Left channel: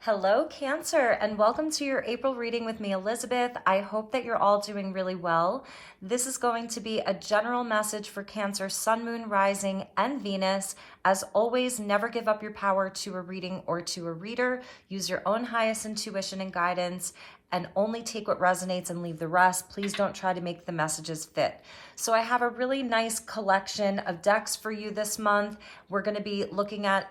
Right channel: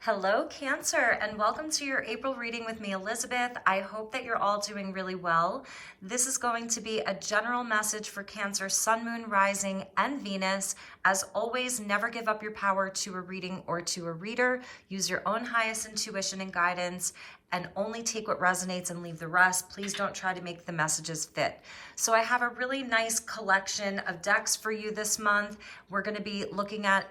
Hello, Cancer, and welcome to your April reading with me, Elizabeth. I hope that you're all doing really well. This is going to be a general message for Cancer, Sun, Moon, Rising, and Venus. As always, never give up your power to a reading or to a reader. Use your own highest intuition and guidance, and only take what resonates and leave the rest. Please don't try to make the messages fit. So I have a really nice collection of decks for you this month. We're going to be looking at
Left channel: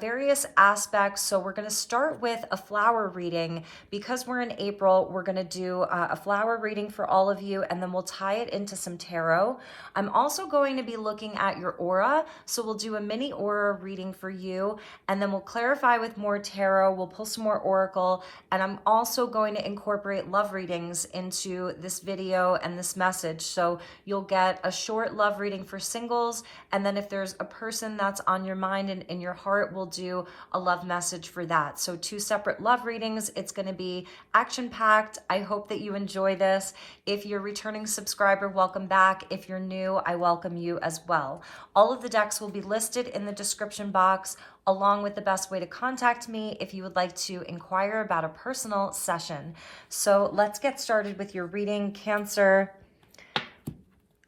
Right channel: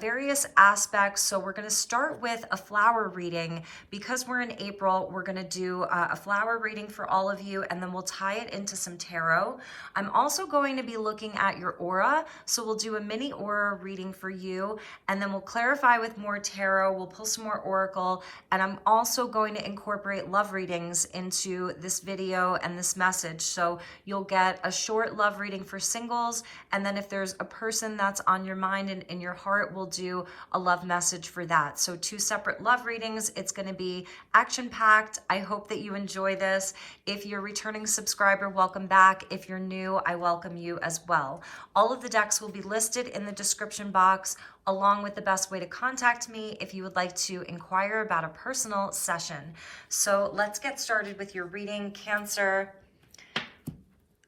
various aspects. So we're going to start with a flower reading. Because we're in April, we're going to do a flower reading for all of you, and then we'll tie it into some tarot. I'm also going to be looking at your aura. So we'll do a mini aura reading for you, and then we'll clarify with more tarot. We'll pull some more oracle, and I'm also going to incorporate love readings into this video and this message. So you'll get a short love reading for singles, and then if there's a person that's on your mind and in your heart, we'll do a love message for that. So 2 separate love readings. It's going to be action-packed. I hope that you enjoy this. If you're a returning subscriber, welcome back. If you're new, I welcome you as well. All of the decks will be listed in the description box, along with the best way to contact me if you would like to inquire about a personal session. So let's get started with your reading, Cancer.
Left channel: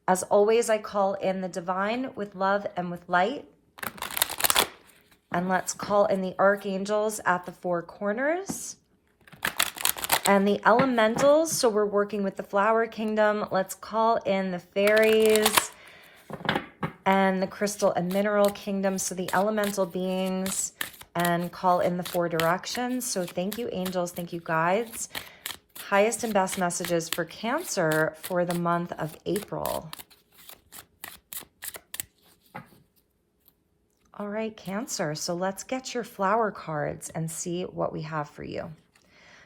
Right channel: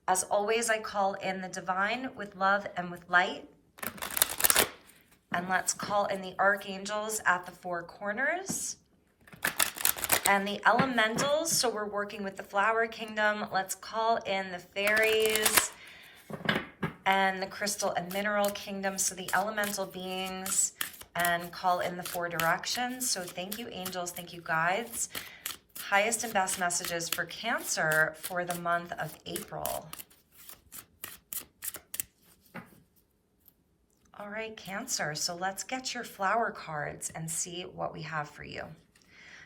As always, I call in the divine with love and with light. And let's call in the archangels at the 4 corners. And the elementals, so we're working with the flower kingdom. Let's call in the fairies and the crystal and mineral kingdom. So the elemental beings, and call in the 4 directions. So thank you, angels. Thank you, guides. Highest and best messages for Cancer for the month of April. All right, Cancer, so let's get your flower cards and see what we have for you.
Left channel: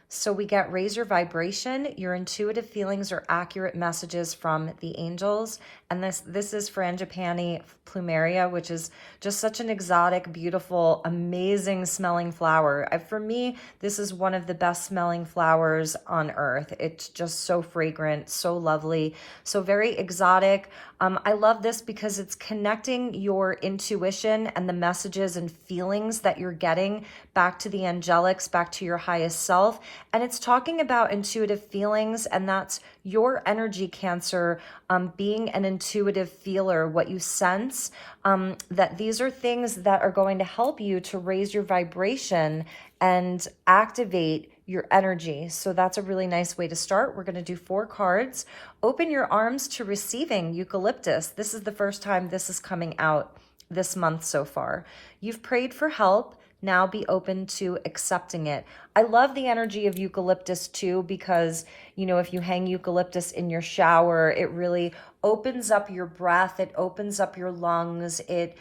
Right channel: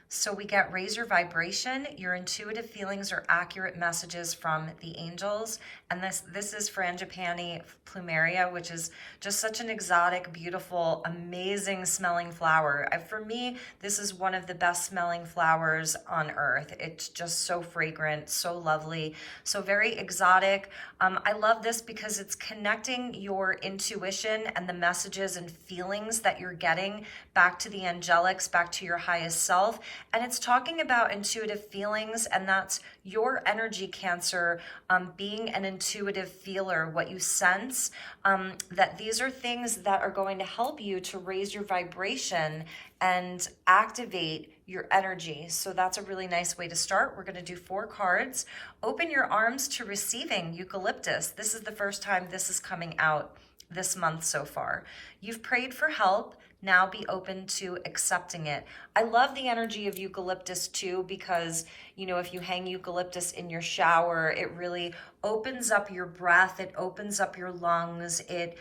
So we get raise your vibration. Your intuitive feelings are accurate messages from the angels. And this is Frangipani plumeria, which is just such an exotic, beautiful, amazing smelling flower. For me, this is one of the best smelling flowers on earth. It's just so fragrant, so lovely, so very exotic. I love this because it's connecting your intuition and the messages and feelings that you're getting back to the angelics, back to your highest self. And it's talking about intuitive feelings, and that's your energy, Cancer, being an intuitive feeler, what you sense, that these are things that are going to help you to raise your vibration and activate your energy. So that's a really nice way to start. We're going to do 4 cards. Open your arms to receiving eucalyptus. This is the first time this is coming out this month so far. You've prayed for help. Now be open to accepting it. I love the energy of eucalyptus too, because, you know, if you hang eucalyptus in your shower, it really opens up your breath. It opens up your lungs. It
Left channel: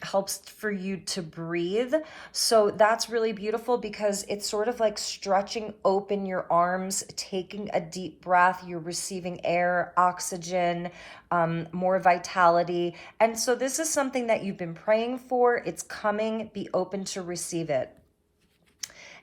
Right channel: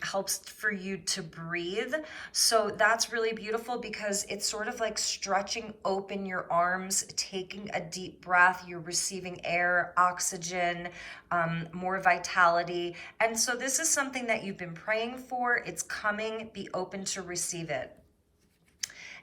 helps for you to breathe. So that's really beautiful because it's sort of like stretching open your arms, taking a deep breath. You're receiving air, oxygen, more vitality. And so this is something that you've been praying for. It's coming. Be open to receive it.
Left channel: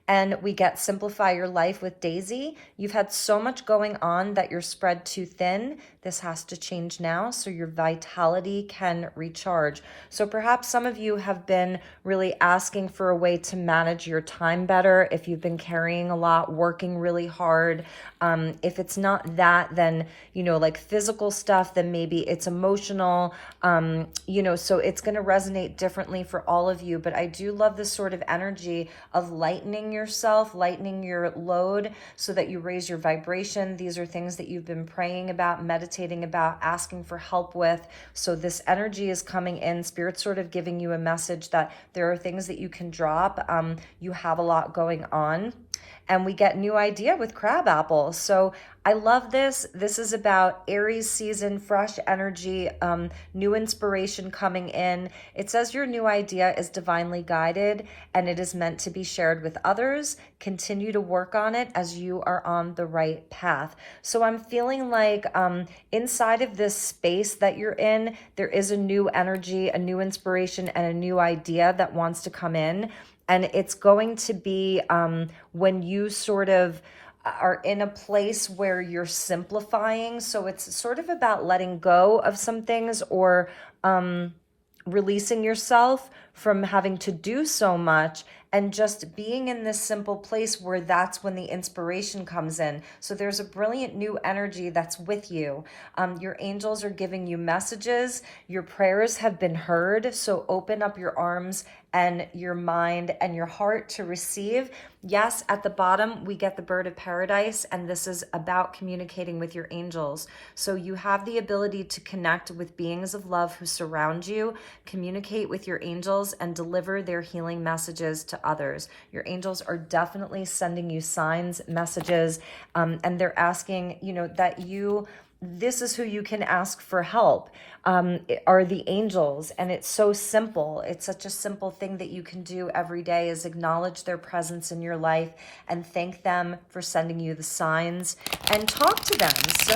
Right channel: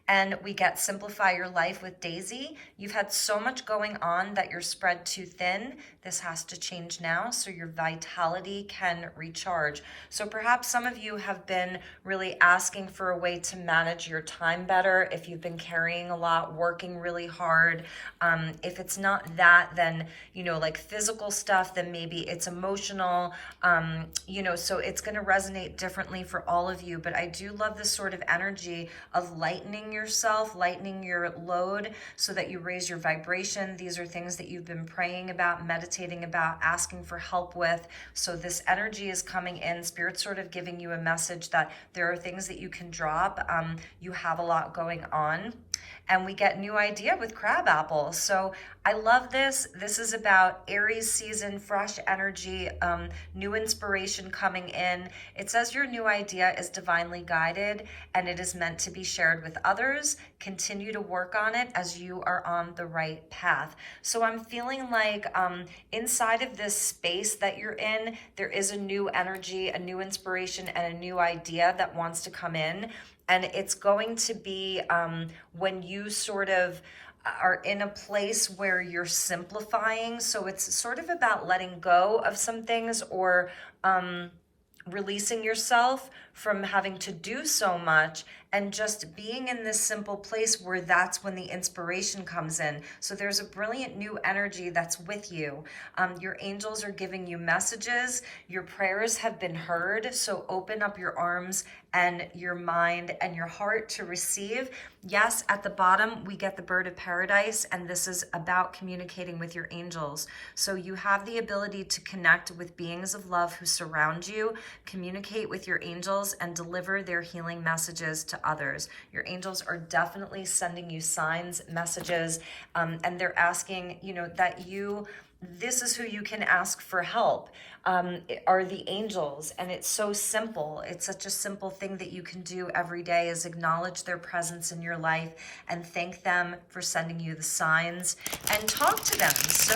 And we get simplify your life with Daisy. You've had so much going on that you're spread too thin. This has to change now so your vitality can recharge. So perhaps some of you have been really asking for a way to manage your time better. If you've been carrying a lot, working really hard. If it's not that, then, you know, like physical stuff, then maybe it's emotional, you know, so it's going to resonate differently for all of you. But I do love this sort of energy of lightening yourself, lightening your load so that you raise your vibration. These are things that you've been praying about, meditating about, asking for help with. So this energy is coming in. Spirit's sort of giving you a message that there are things that you can drop. You have a lot going on. And we get new idea with crabapple. So I love this. This is about Aries season, fresh energy, new inspiration coming in. It says your new idea is divinely guided and it is meant to be shared with others. Continue to work on it as you are on the right path. So I'm feeling like inside of this space that you're in, there is a new energy, a new inspiration, and a new idea that wants to come in. And it's going to be when you sort of are in a place where you're simplifying. So it's sort of about letting go of some things or releasing yourself from having to do so much and just being in this simple place where that's when the inspiration comes in. So there's a brilliant new energy that's with you. Your angels are giving you messages. Your prayers have been heard. So open up your arms and your mind and your heart to receive. Yes, at the bottom, we get the bird of paradise, and this is about communicating with your angels. So you have the ability to connect with beings of love who surround you, communicate with your angels, and deliver their healing messages to others. Your angels are definitely sending you signs, messages, and they're asking, that this is who you can ask for help. Are the angels, and it's so simple. It's such a simple thing that you can do every day, is acknowledge their presence in your life and thank them for sending you the signs and talk to them. So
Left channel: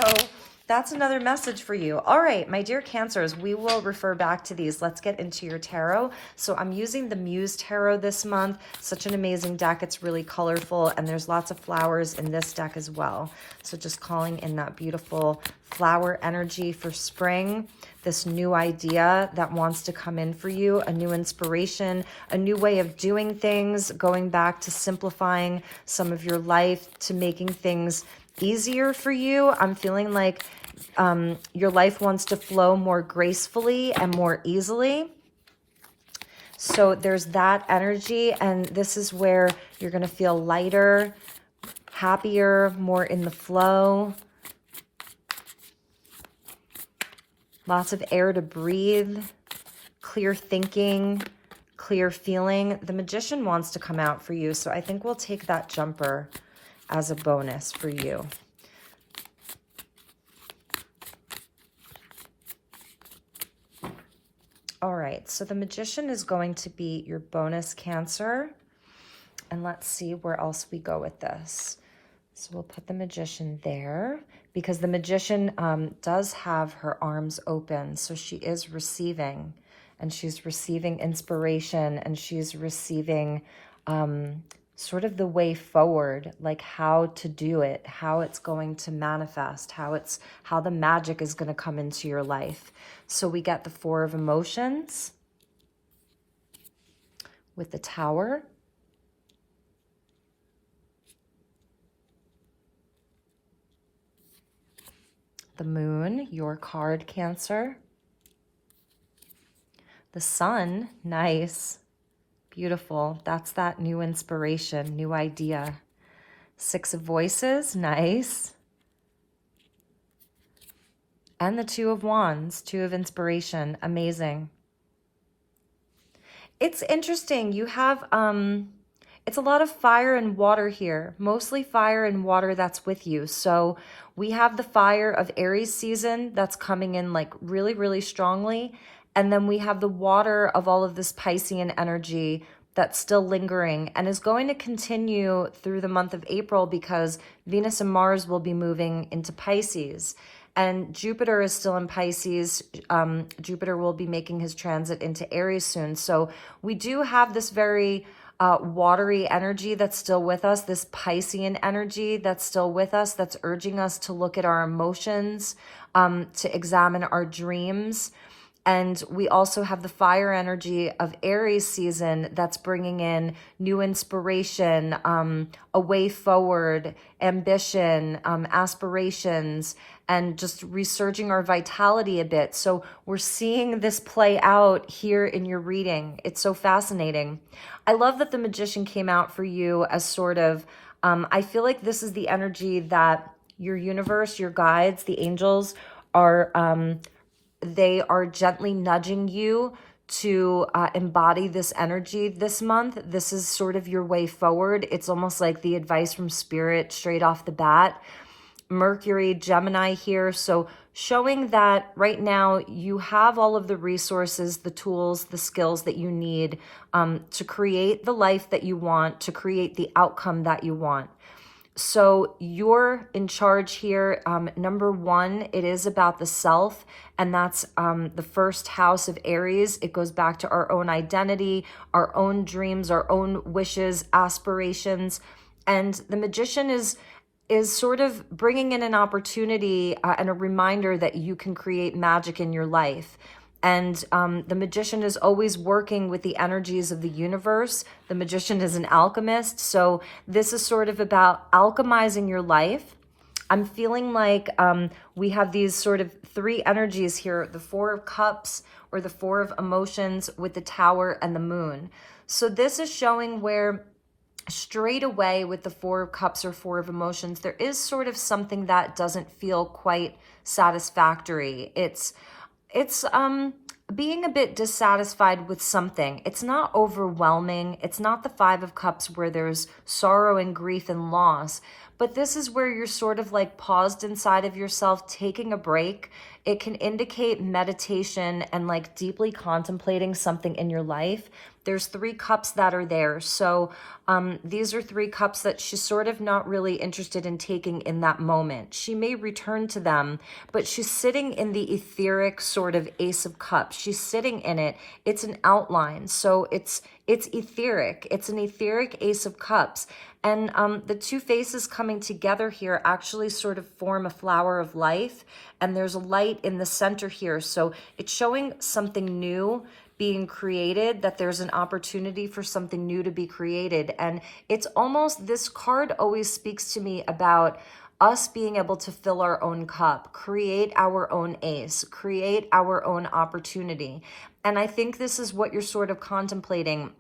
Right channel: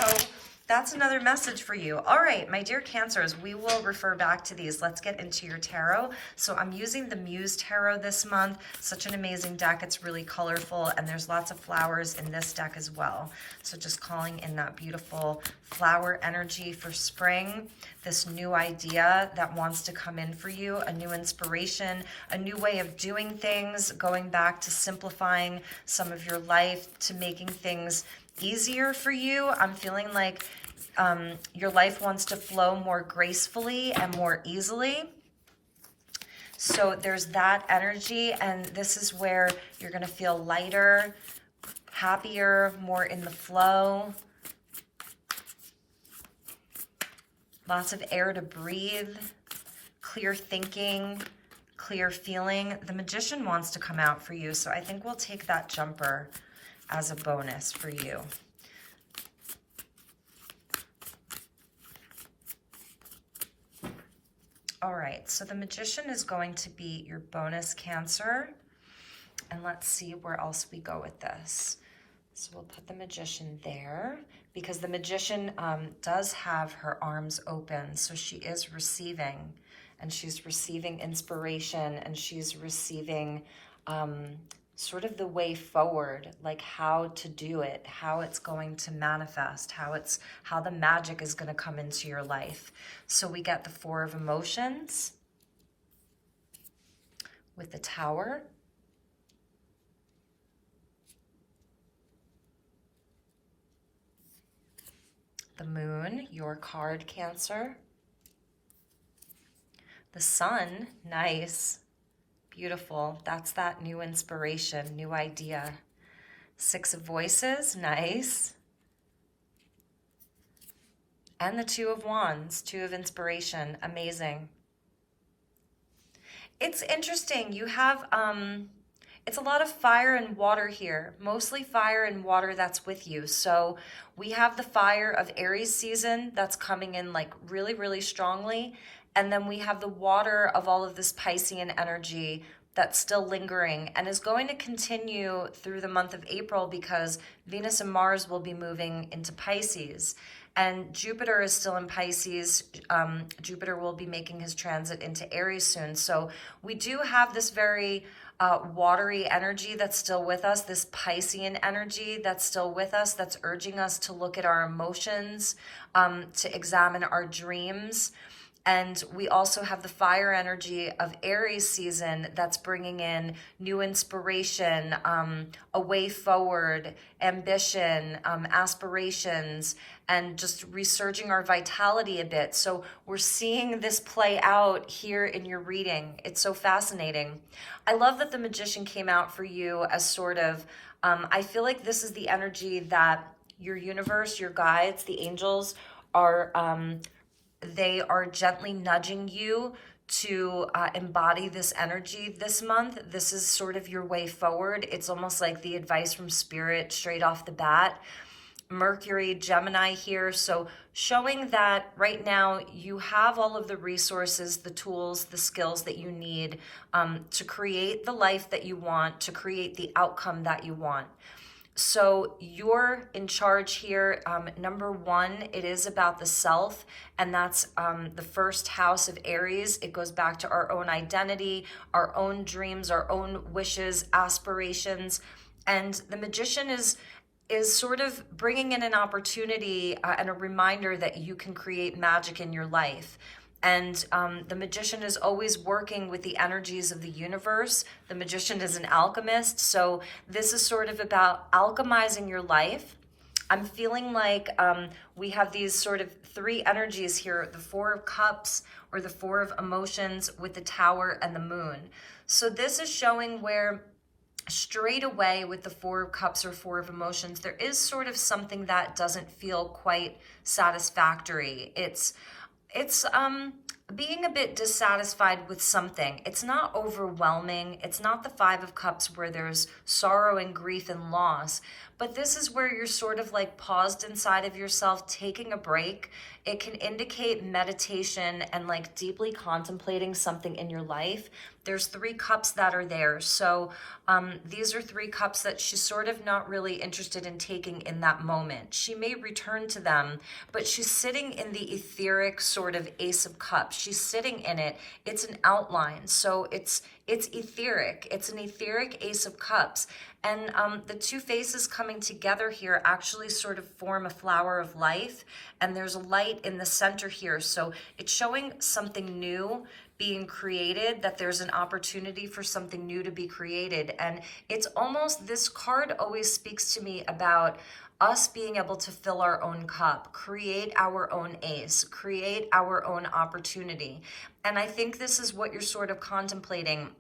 that's another message for you. All right, my dear Cancers, we will refer back to these. Let's get into your tarot. So I'm using the Muse Tarot this month. Such an amazing deck. It's really colorful, and there's lots of flowers in this deck as well. So just calling in that beautiful flower energy for spring, this new idea that wants to come in for you, a new inspiration, a new way of doing things, going back to simplifying some of your life, to making things easier for you. I'm feeling like your life wants to flow more gracefully and more easily. So there's that energy, and this is where you're going to feel lighter, happier, more in the flow. Lots of air to breathe, clear thinking, clear feeling. The Magician wants to come out for you, so I think we'll take that jumper as a bonus for you. All right, so the Magician is going to be your bonus, Cancer. And let's see where else we go with this. So we'll put the Magician there, because the Magician does have her arms open. So she is receiving, and she's receiving inspiration, and she's receiving sort of the way forward, like how to do it, how it's going to manifest, how the magic is going to come into your life. So we get the Four of Emotions with the Tower. The Moon, your card, Cancer. The Sun, nice, beautiful. That's that new inspiration, new idea. Six of Voices, nice. And the Two of Wands, Two of Inspiration, amazing. It's interesting, you have, it's a lot of fire and water here, mostly fire and water that's with you. So we have the fire of Aries season that's coming in like really, really strongly. And then we have the water of all of this Piscean energy that's still lingering and is going to continue through the month of April, because Venus and Mars will be moving into Pisces. And Jupiter is still in Pisces. Jupiter will be making his transit into Aries soon. So we do have this very watery energy that's still with us, this Piscean energy that's still with us, that's urging us to look at our emotions, to examine our dreams. And we also have the fire energy of Aries season that's bringing in new inspiration, a way forward, ambition, aspirations, and just resurging our vitality a bit. So we're seeing this play out here in your reading. It's so fascinating. I love that the Magician came out for you as sort of, I feel like this is the energy that your universe, your guides, the angels are, they are gently nudging you to embody this energy this month. This is sort of your way forward. It's almost like the advice from Spirit straight off the bat. Mercury, Gemini here. So showing that right now you have all of the resources, the tools, the skills that you need to create the life that you want, to create the outcome that you want. So you're in charge here. Number one, it is about the self, and that's the first house of Aries. It goes back to our own identity, our own dreams, our own wishes, aspirations. And the Magician is sort of bringing in an opportunity and a reminder that you can create magic in your life. And the magician is always working with the energies of the universe. The magician is an alchemist. So this is sort of about alchemizing your life. I'm feeling like we have these sort of three energies here, the Four of Cups or the Four of Emotions with the Tower and the Moon. So this is showing where straight away with the Four of Cups or Four of Emotions, there is sort of something that doesn't feel quite satisfactory. It's being a bit dissatisfied with something. It's not overwhelming. It's not the Five of Cups where there's sorrow and grief and loss, but this is where you're sort of like paused inside of yourself, taking a break. It can indicate meditation and like deeply contemplating something in your life. There's three cups that are there. So these are three cups that she's sort of not really interested in taking in that moment. She may return to them, but she's sitting in the etheric sort of Ace of Cups. She's sitting in it. It's an outline. So it's etheric. It's an etheric Ace of Cups. And the two faces coming together here actually sort of form a flower of life. And there's a light in the center here. So it's showing something new being created, that there's an opportunity for something new to be created. And it's almost, this card always speaks to me about us being able to fill our own cup, create our own ace, create our own opportunity. And I think this is what you're sort of contemplating.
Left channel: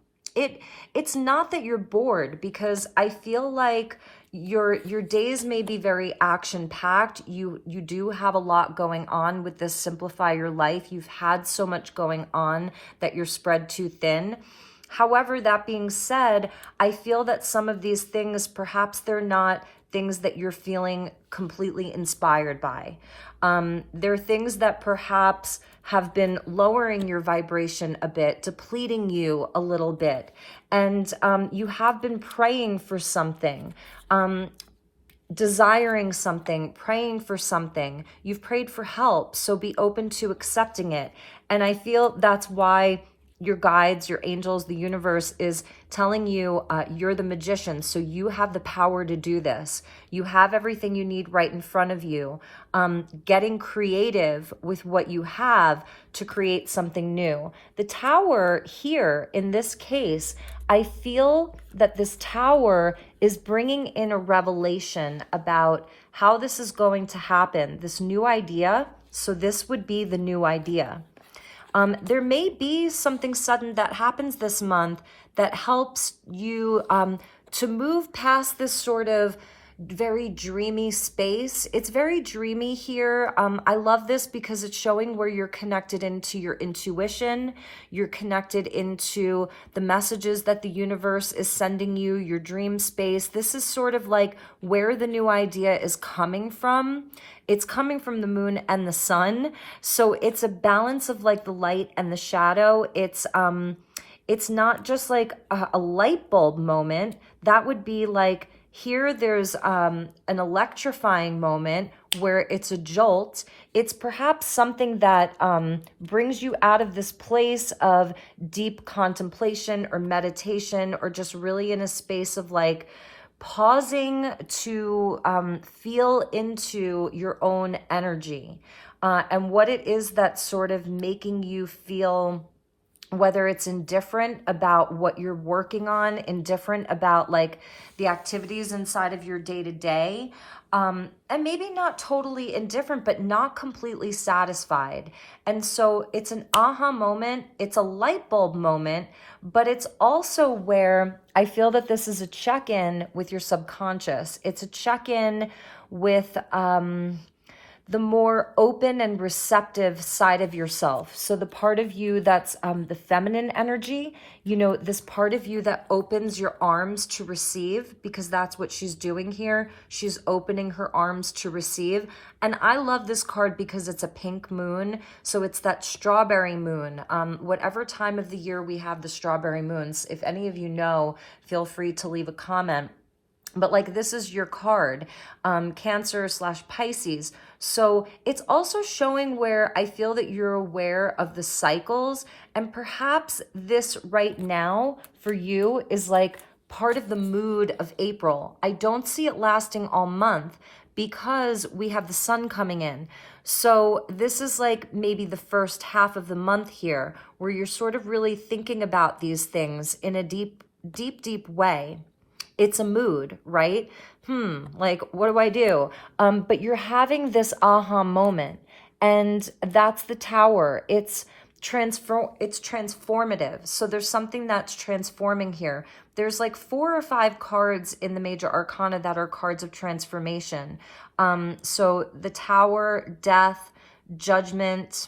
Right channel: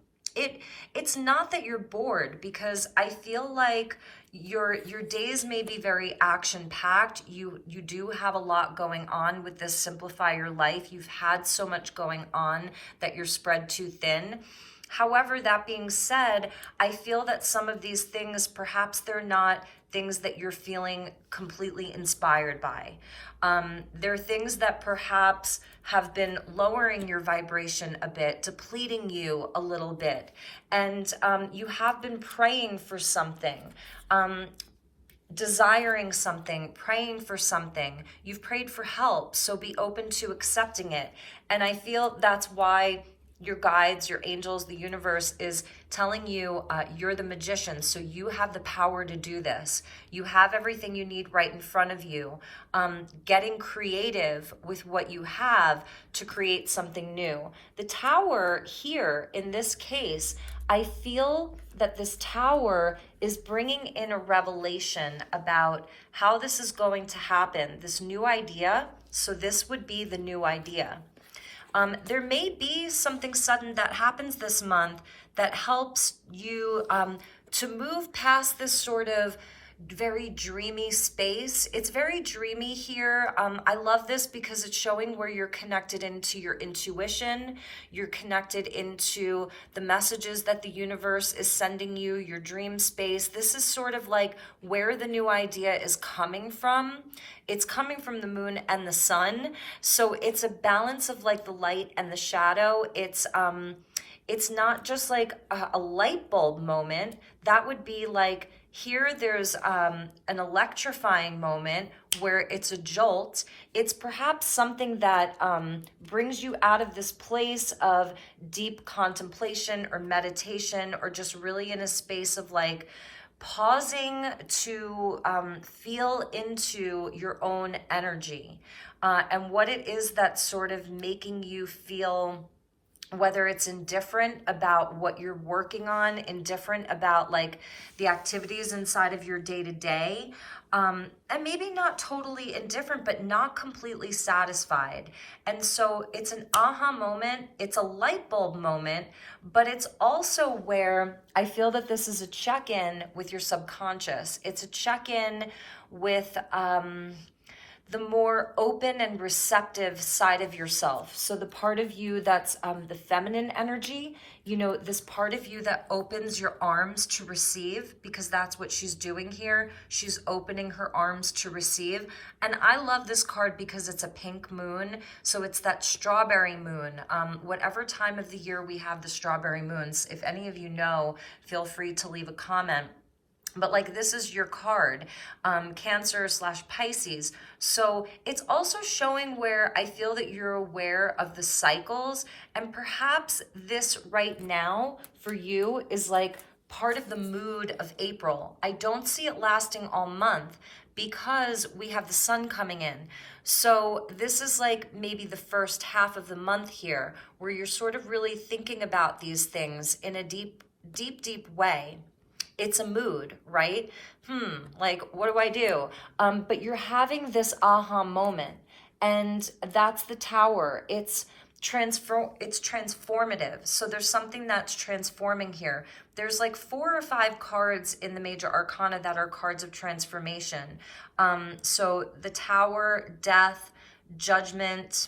It's not that you're bored, because I feel like your days may be very action-packed. You do have a lot going on with this Simplify Your Life. You've had so much going on that you're spread too thin. However, that being said, I feel that some of these things, perhaps they're not things that you're feeling completely inspired by. There are things that perhaps have been lowering your vibration a bit, depleting you a little bit. And you have been praying for something, desiring something, praying for something. You've prayed for help, so be open to accepting it. And I feel that's why your guides, your angels, the universe is telling you you're the magician, so you have the power to do this. You have everything you need right in front of you. Getting creative with what you have to create something new. The tower here, in this case, I feel that this tower is bringing in a revelation about how this is going to happen, this new idea. So this would be the new idea. There may be something sudden that happens this month that helps you to move past this sort of very dreamy space. It's very dreamy here. I love this because it's showing where you're connected into your intuition. You're connected into the messages that the universe is sending you, your dream space. This is sort of like where the new idea is coming from. It's coming from the moon and the sun. So it's a balance of like the light and the shadow. It's not just like a light bulb moment. That would be like, here there's an electrifying moment where it's a jolt. It's perhaps something that brings you out of this place of deep contemplation or meditation, or just really in a space of like pausing to feel into your own energy and what it is that's sort of making you feel, whether it's indifferent about what you're working on, indifferent about like the activities inside of your day-to-day, and maybe not totally indifferent, but not completely satisfied. And so it's an aha moment, it's a light bulb moment, but it's also where I feel that this is a check-in with your subconscious. It's a check-in with the more open and receptive side of yourself. So the part of you that's the feminine energy, you know, this part of you that opens your arms to receive, because that's what she's doing here. She's opening her arms to receive. And I love this card because it's a pink moon. So it's that strawberry moon. Whatever time of the year we have the strawberry moons, if any of you know, feel free to leave a comment. But like, this is your card, Cancer/Pisces. So it's also showing where I feel that you're aware of the cycles, and perhaps this right now for you is like part of the mood of April. I don't see it lasting all month, because we have the sun coming in. So this is like maybe the first half of the month here where you're sort of really thinking about these things in a deep, deep, deep way. It's a mood, right? Like, what do I do? But you're having this aha moment, and that's the Tower. It's transformative. So there's something that's transforming here. There's like 4 or 5 cards in the major arcana that are cards of transformation. So the Tower, Death, Judgment,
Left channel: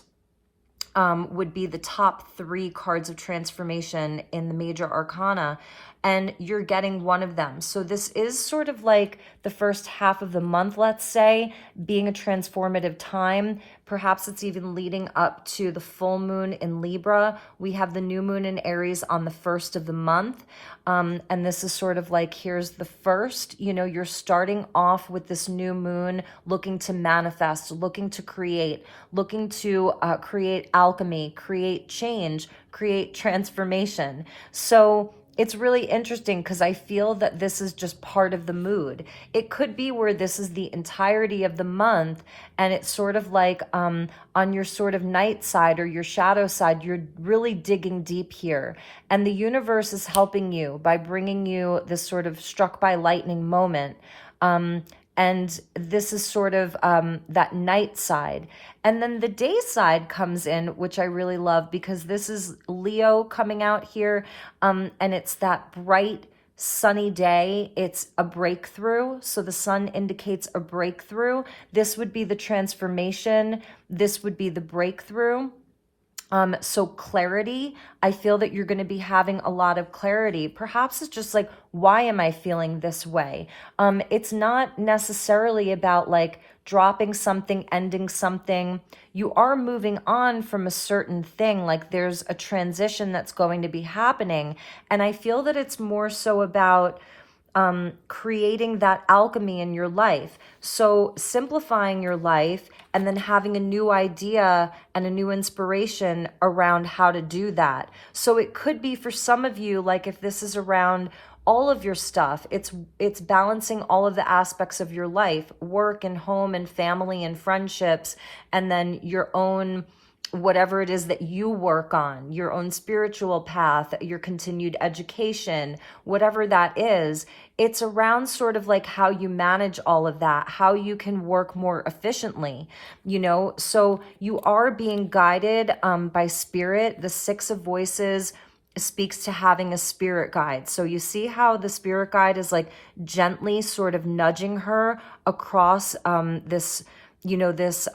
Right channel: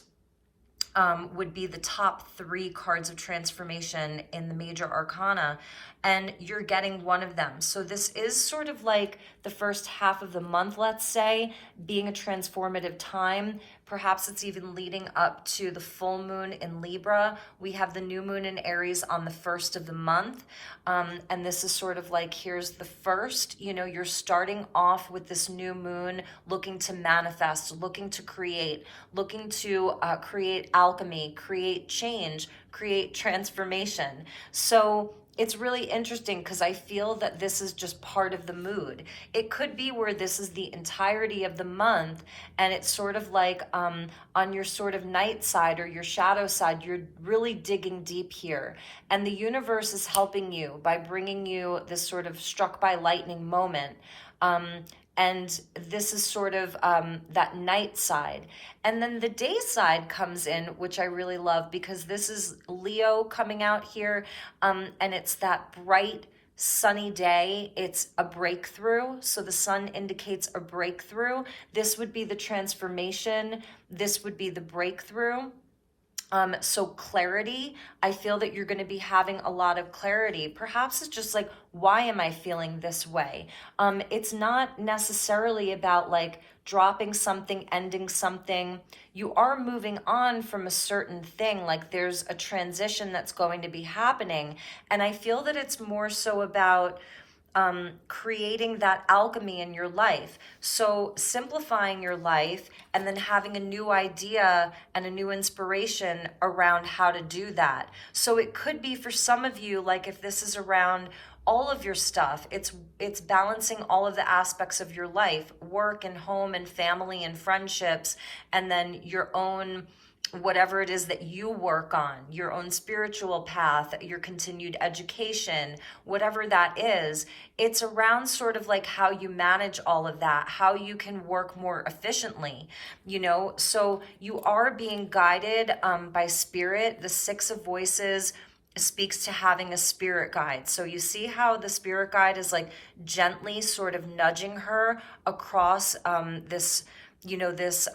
would be the top 3 cards of transformation in the major arcana, and you're getting one of them. So this is sort of like the first half of the month, let's say, being a transformative time. Perhaps it's even leading up to the full moon in Libra. We have the new moon in Aries on the 1st of the month. And this is sort of like, here's the first, you know, you're starting off with this new moon, looking to manifest, looking to create, looking to create alchemy, create change, create transformation. So it's really interesting because I feel that this is just part of the mood. It could be where this is the entirety of the month, and it's sort of like on your sort of night side or your shadow side, you're really digging deep here. And the universe is helping you by bringing you this sort of struck by lightning moment. And this is sort of that night side. And then the day side comes in, which I really love because this is Leo coming out here. And it's that bright, sunny day. It's a breakthrough. So the sun indicates a breakthrough. This would be the transformation. This would be the breakthrough. So clarity, I feel that you're going to be having a lot of clarity. Perhaps it's just like, why am I feeling this way? It's not necessarily about like dropping something, ending something. You are moving on from a certain thing. Like there's a transition that's going to be happening. And I feel that it's more so about creating that alchemy in your life. So simplifying your life and then having a new idea and a new inspiration around how to do that. So it could be for some of you, like if this is around all of your stuff, it's balancing all of the aspects of your life, work and home and family and friendships, and then your own whatever it is that you work on, your own spiritual path, your continued education, whatever that is, it's around sort of like how you manage all of that, how you can work more efficiently, you know? So you are being guided by spirit. The 6 of Voices speaks to having a spirit guide. So you see how the spirit guide is like gently sort of nudging her across this, you know, this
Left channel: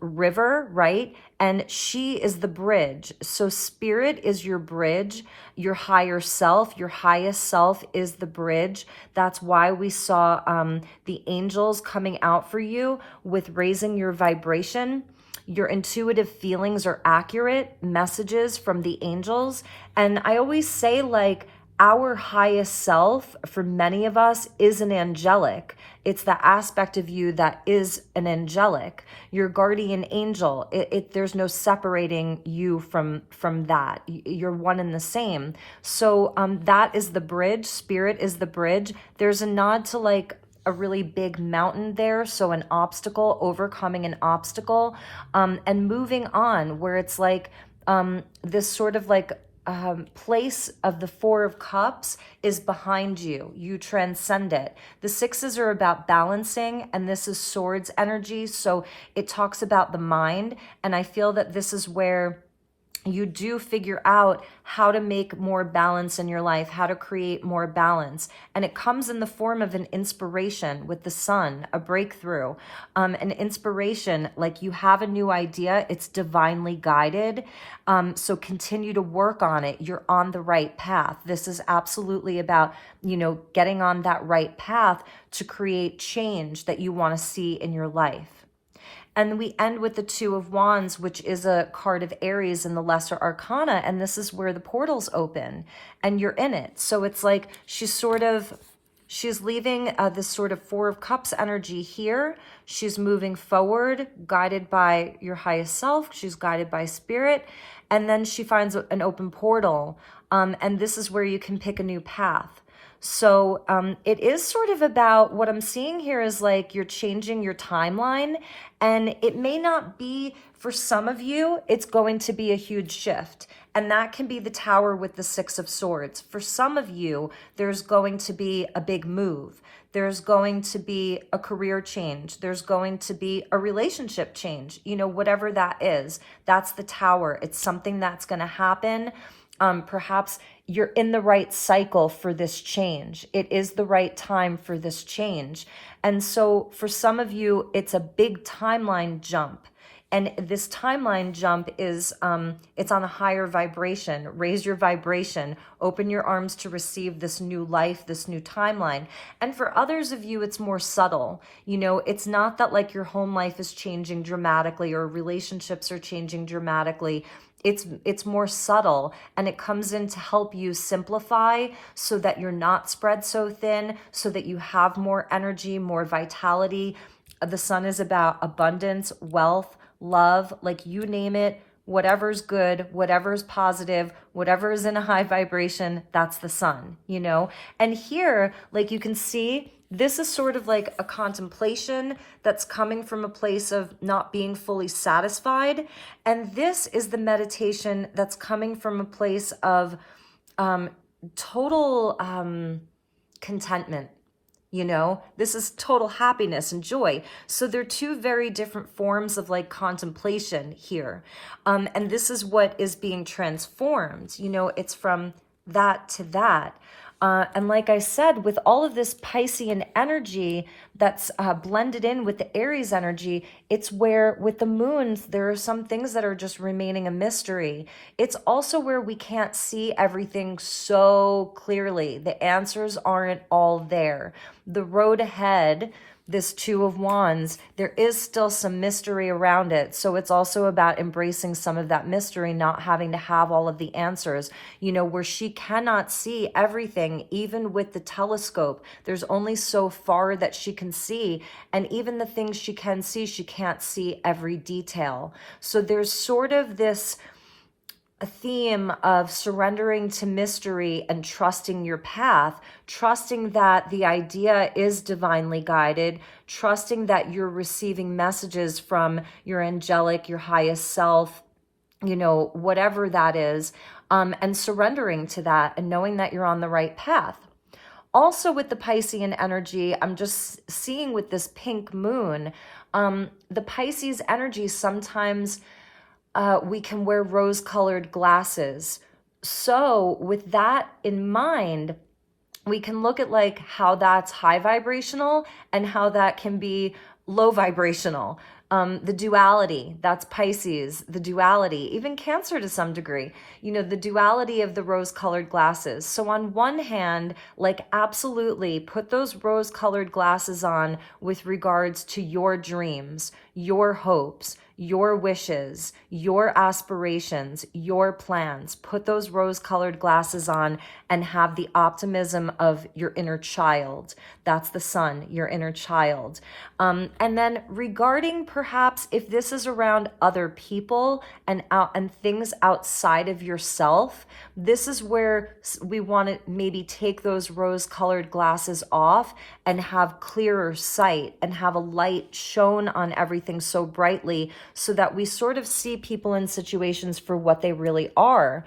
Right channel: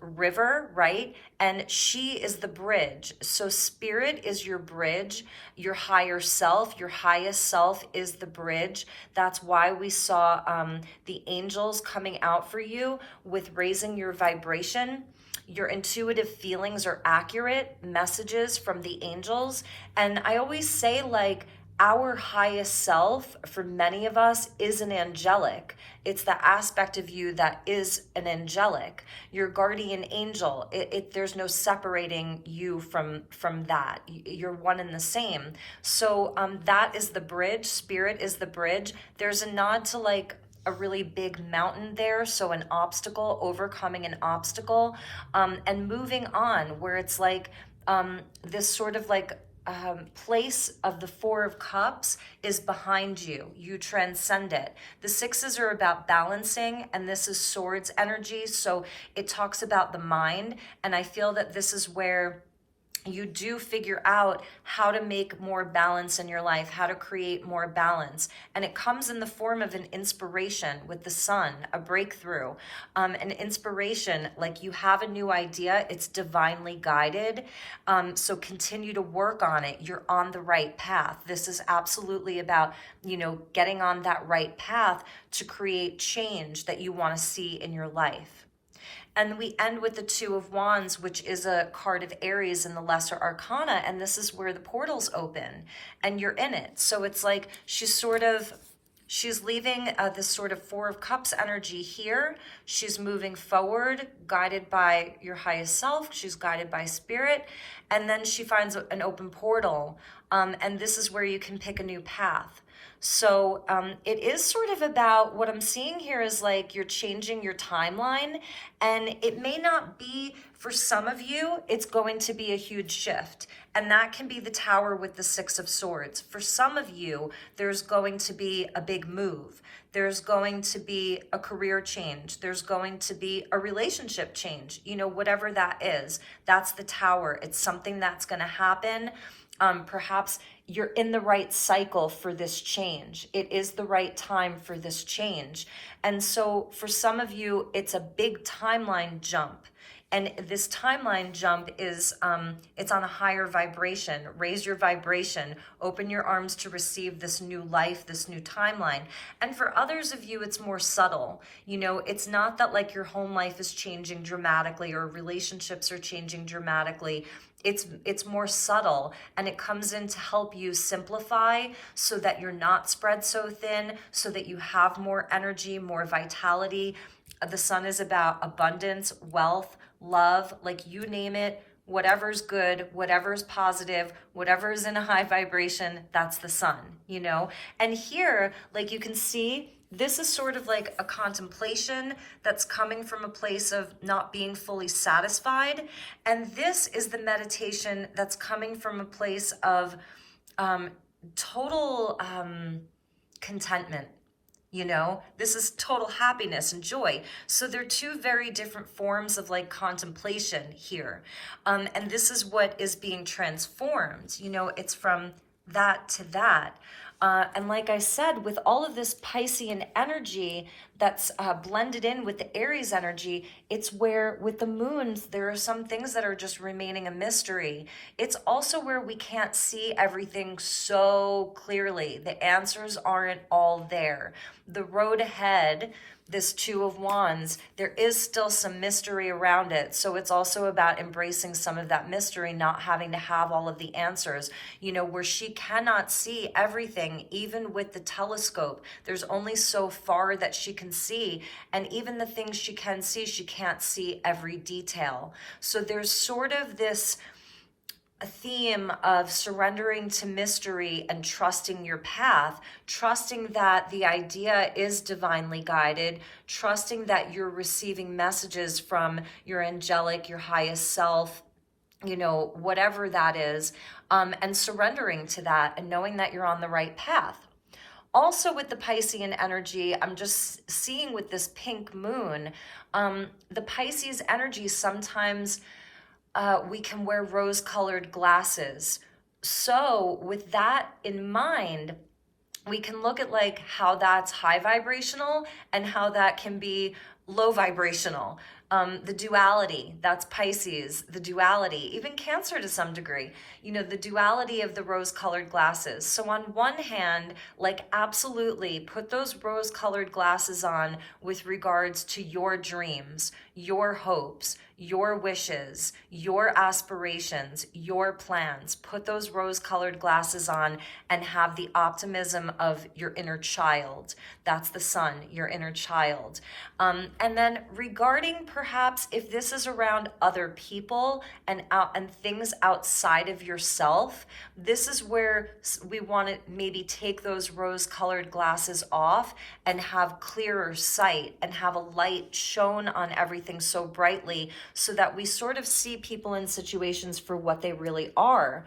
river, right? And she is the bridge. So spirit is your bridge, your higher self, your highest self is the bridge. That's why we saw the angels coming out for you with raising your vibration. Your intuitive feelings are accurate messages from the angels. And I always say, like, our highest self for many of us is an angelic. It's the aspect of you that is an angelic, your guardian angel. There's no separating you from that. You're one and the same. So that is the bridge. Spirit is the bridge. There's a nod to like a really big mountain there. So an obstacle, overcoming an obstacle, and moving on, where it's like this sort of like place of the 4 of Cups is behind you. You transcend it. The 6s are about balancing, and this is Swords energy. So it talks about the mind. And I feel that this is where you do figure out how to make more balance in your life, how to create more balance. And it comes in the form of an inspiration with the sun, a breakthrough, an inspiration, like you have a new idea, it's divinely guided. So continue to work on it. You're on the right path. This is absolutely about, you know, getting on that right path to create change that you want to see in your life. And we end with the 2 of Wands, which is a card of Aries in the Lesser Arcana. And this is where the portals open and you're in it. So it's like she's leaving this sort of 4 of Cups energy here. She's moving forward, guided by your highest self. She's guided by spirit. And then she finds an open portal. And this is where you can pick a new path. So it is sort of about, what I'm seeing here is like you're changing your timeline, and it may not be, for some of you, it's going to be a huge shift. And that can be the Tower with the Six of Swords. For some of you, there's going to be a big move. There's going to be a career change. There's going to be a relationship change. You know, whatever that is, that's the Tower. It's something that's going to happen. Perhaps you're in the right cycle for this change. It is the right time for this change. And so for some of you, it's a big timeline jump. And this timeline jump is, it's on a higher vibration. Raise your vibration. Open your arms to receive this new life, this new timeline. And for others of you, it's more subtle. You know, it's not that like your home life is changing dramatically or relationships are changing dramatically. It's more subtle, and it comes in to help you simplify so that you're not spread so thin, so that you have more energy, more vitality. The sun is about abundance, wealth, love, like you name it, whatever's good, whatever's positive, whatever is in a high vibration, that's the sun, you know? And here, like you can see, this is sort of like a contemplation that's coming from a place of not being fully satisfied. And this is the meditation that's coming from a place of total contentment. You know, this is total happiness and joy. So they're two very different forms of like contemplation here. And this is what is being transformed. You know, it's from that to that. And like I said, with all of this Piscean energy that's blended in with the Aries energy, it's where with the moons, there are some things that are just remaining a mystery. It's also where we can't see everything so clearly. The answers aren't all there. The road ahead, this Two of Wands, there is still some mystery around it. So it's also about embracing some of that mystery, not having to have all of the answers, you know, where she cannot see everything, even with the telescope. There's only so far that she can see. And even the things she can see, she can't see every detail. So there's sort of this a theme of surrendering to mystery and trusting your path, trusting that the idea is divinely guided, trusting that you're receiving messages from your angelic, your highest self, you know, whatever that is, and surrendering to that and knowing that you're on the right path. Also with the Piscean energy, I'm just seeing with this pink moon, the Pisces energy sometimes we can wear rose-colored glasses. So with that in mind, we can look at like how that's high vibrational and how that can be low vibrational. The duality, that's Pisces, the duality, even Cancer to some degree, you know, the duality of the rose-colored glasses. So on one hand, like absolutely put those rose-colored glasses on with regards to your dreams, your hopes, your wishes, your aspirations, your plans. Put those rose-colored glasses on and have the optimism of your inner child. That's the sun, your inner child. And then regarding perhaps if this is around other people and things outside of yourself, this is where we want to maybe take those rose-colored glasses off and have clearer sight and have a light shone on everything so brightly so that we sort of see people in situations for what they really are.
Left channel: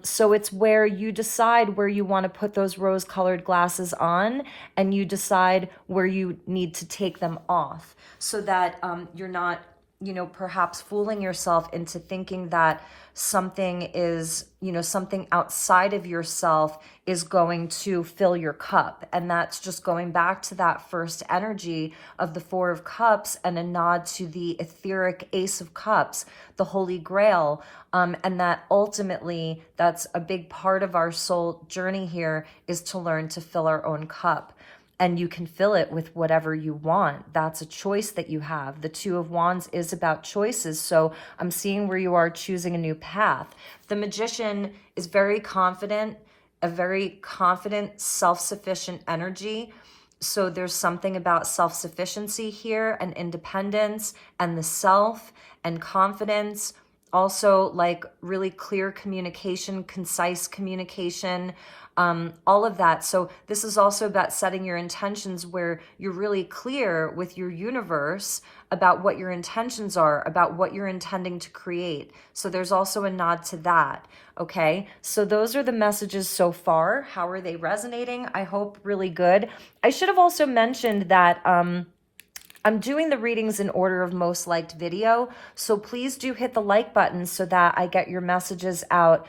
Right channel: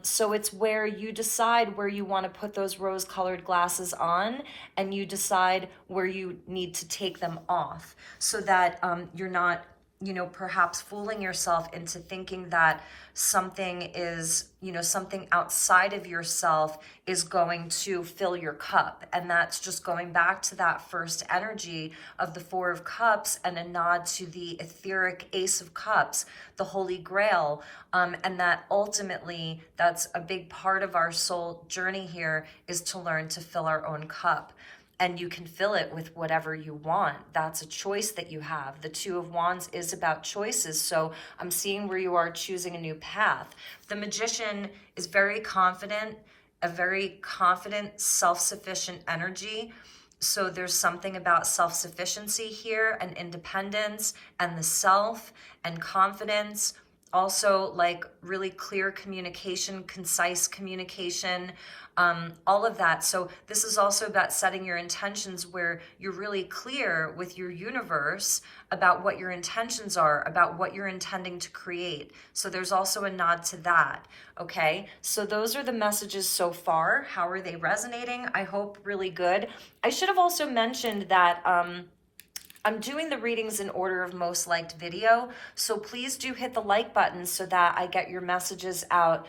So it's where you decide where you want to put those rose-colored glasses on, and you decide where you need to take them off so that you're not, you know, perhaps fooling yourself into thinking that something is, you know, something outside of yourself is going to fill your cup. And that's just going back to that first energy of the Four of Cups and a nod to the etheric Ace of Cups, the Holy Grail. And that ultimately, that's a big part of our soul journey here, is to learn to fill our own cup. And you can fill it with whatever you want. That's a choice that you have. The Two of Wands is about choices. So I'm seeing where you are choosing a new path. The Magician is very confident, a very confident, self-sufficient energy. So there's something about self-sufficiency here and independence and the self and confidence. also like really clear communication, concise communication, all of that. So this is also about setting your intentions where you're really clear with your universe about what your intentions are, about what you're intending to create. So there's also a nod to that. Okay, so those are the messages so far. How are they resonating? I hope really good. I should have also mentioned that I'm doing the readings in order of most liked video, so please do hit the like button so that I get your messages out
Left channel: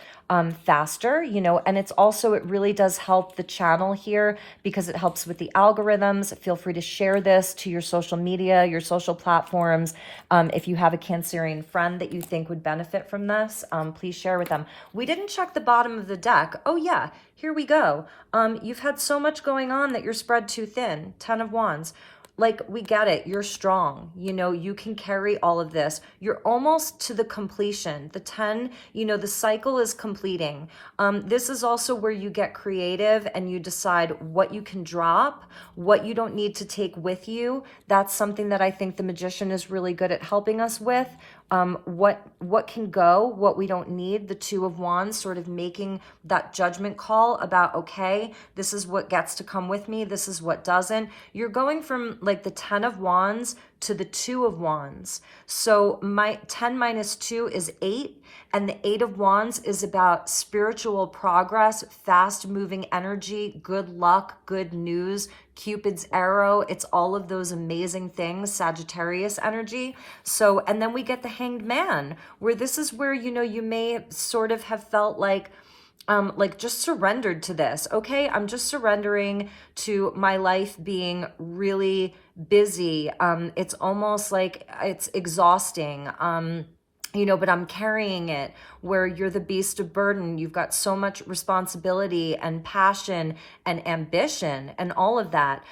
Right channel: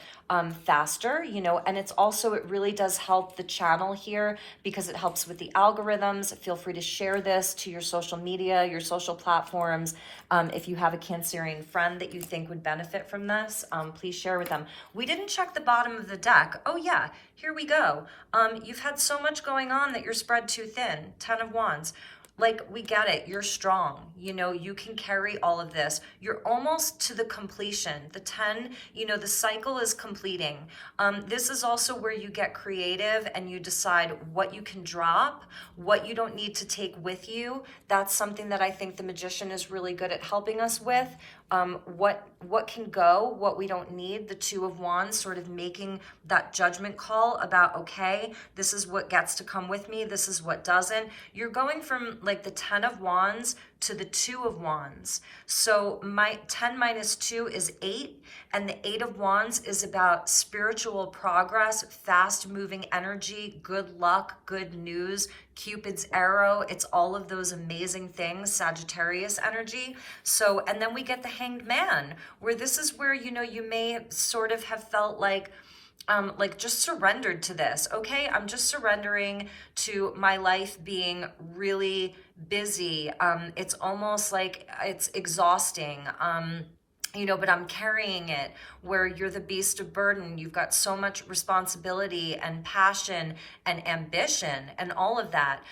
faster, you know, and it's also, it really does help the channel here because it helps with the algorithms. Feel free to share this to your social media, your social platforms. If you have a Cancerian friend that you think would benefit from this, please share with them. We didn't check the bottom of the deck. Oh yeah, here we go. You've had so much going on that you're spread too thin. 10 of Wands. Like, we get it. You're strong. You know, you can carry all of this. You're almost to the completion. The 10, you know, the cycle is completing. This is also where you get creative and you decide what you can drop, what you don't need to take with you. That's something that I think the Magician is really good at helping us with. What can go, what we don't need. The 2 of Wands sort of making that judgment call about, okay, this is what gets to come with me, this is what doesn't. You're going from like the 10 of Wands to the 2 of Wands. So my 10 minus 2 is 8, and the 8 of Wands is about spiritual progress, fast moving energy, good luck, good news, Cupid's arrow. It's all of those amazing things, Sagittarius energy. So, and then we get the Hanged Man, where this is where, you know, you may sort of have felt like just surrendered to this. Okay, I'm just surrendering to my life being really busy. It's almost like it's exhausting. You know, but I'm carrying it, where you're the beast of burden. You've got so much responsibility and passion and ambition and all of that.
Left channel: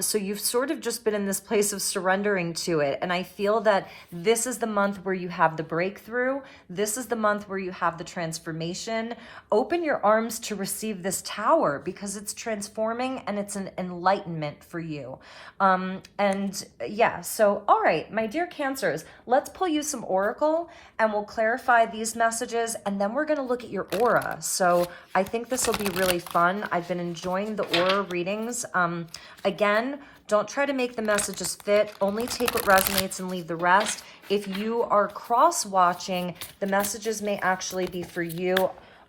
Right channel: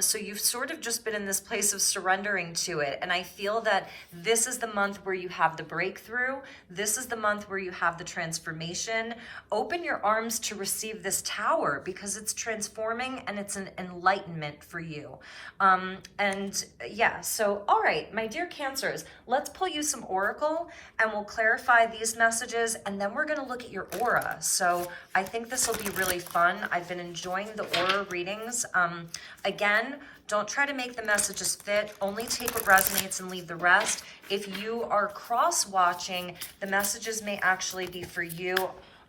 So you've sort of just been in this place of surrendering to it. And I feel that this is the month where you have the breakthrough. This is the month where you have the transformation. Open your arms to receive this Tower, because it's transforming and it's an enlightenment for you. And yeah, so all right, my dear Cancers, let's pull you some Oracle and we'll clarify these messages, and then we're going to look at your aura. So I think this will be really fun. I've been enjoying the aura readings. Again, don't try to make the messages fit. Only take what resonates and leave the rest. If you are cross-watching, the messages may actually be for you.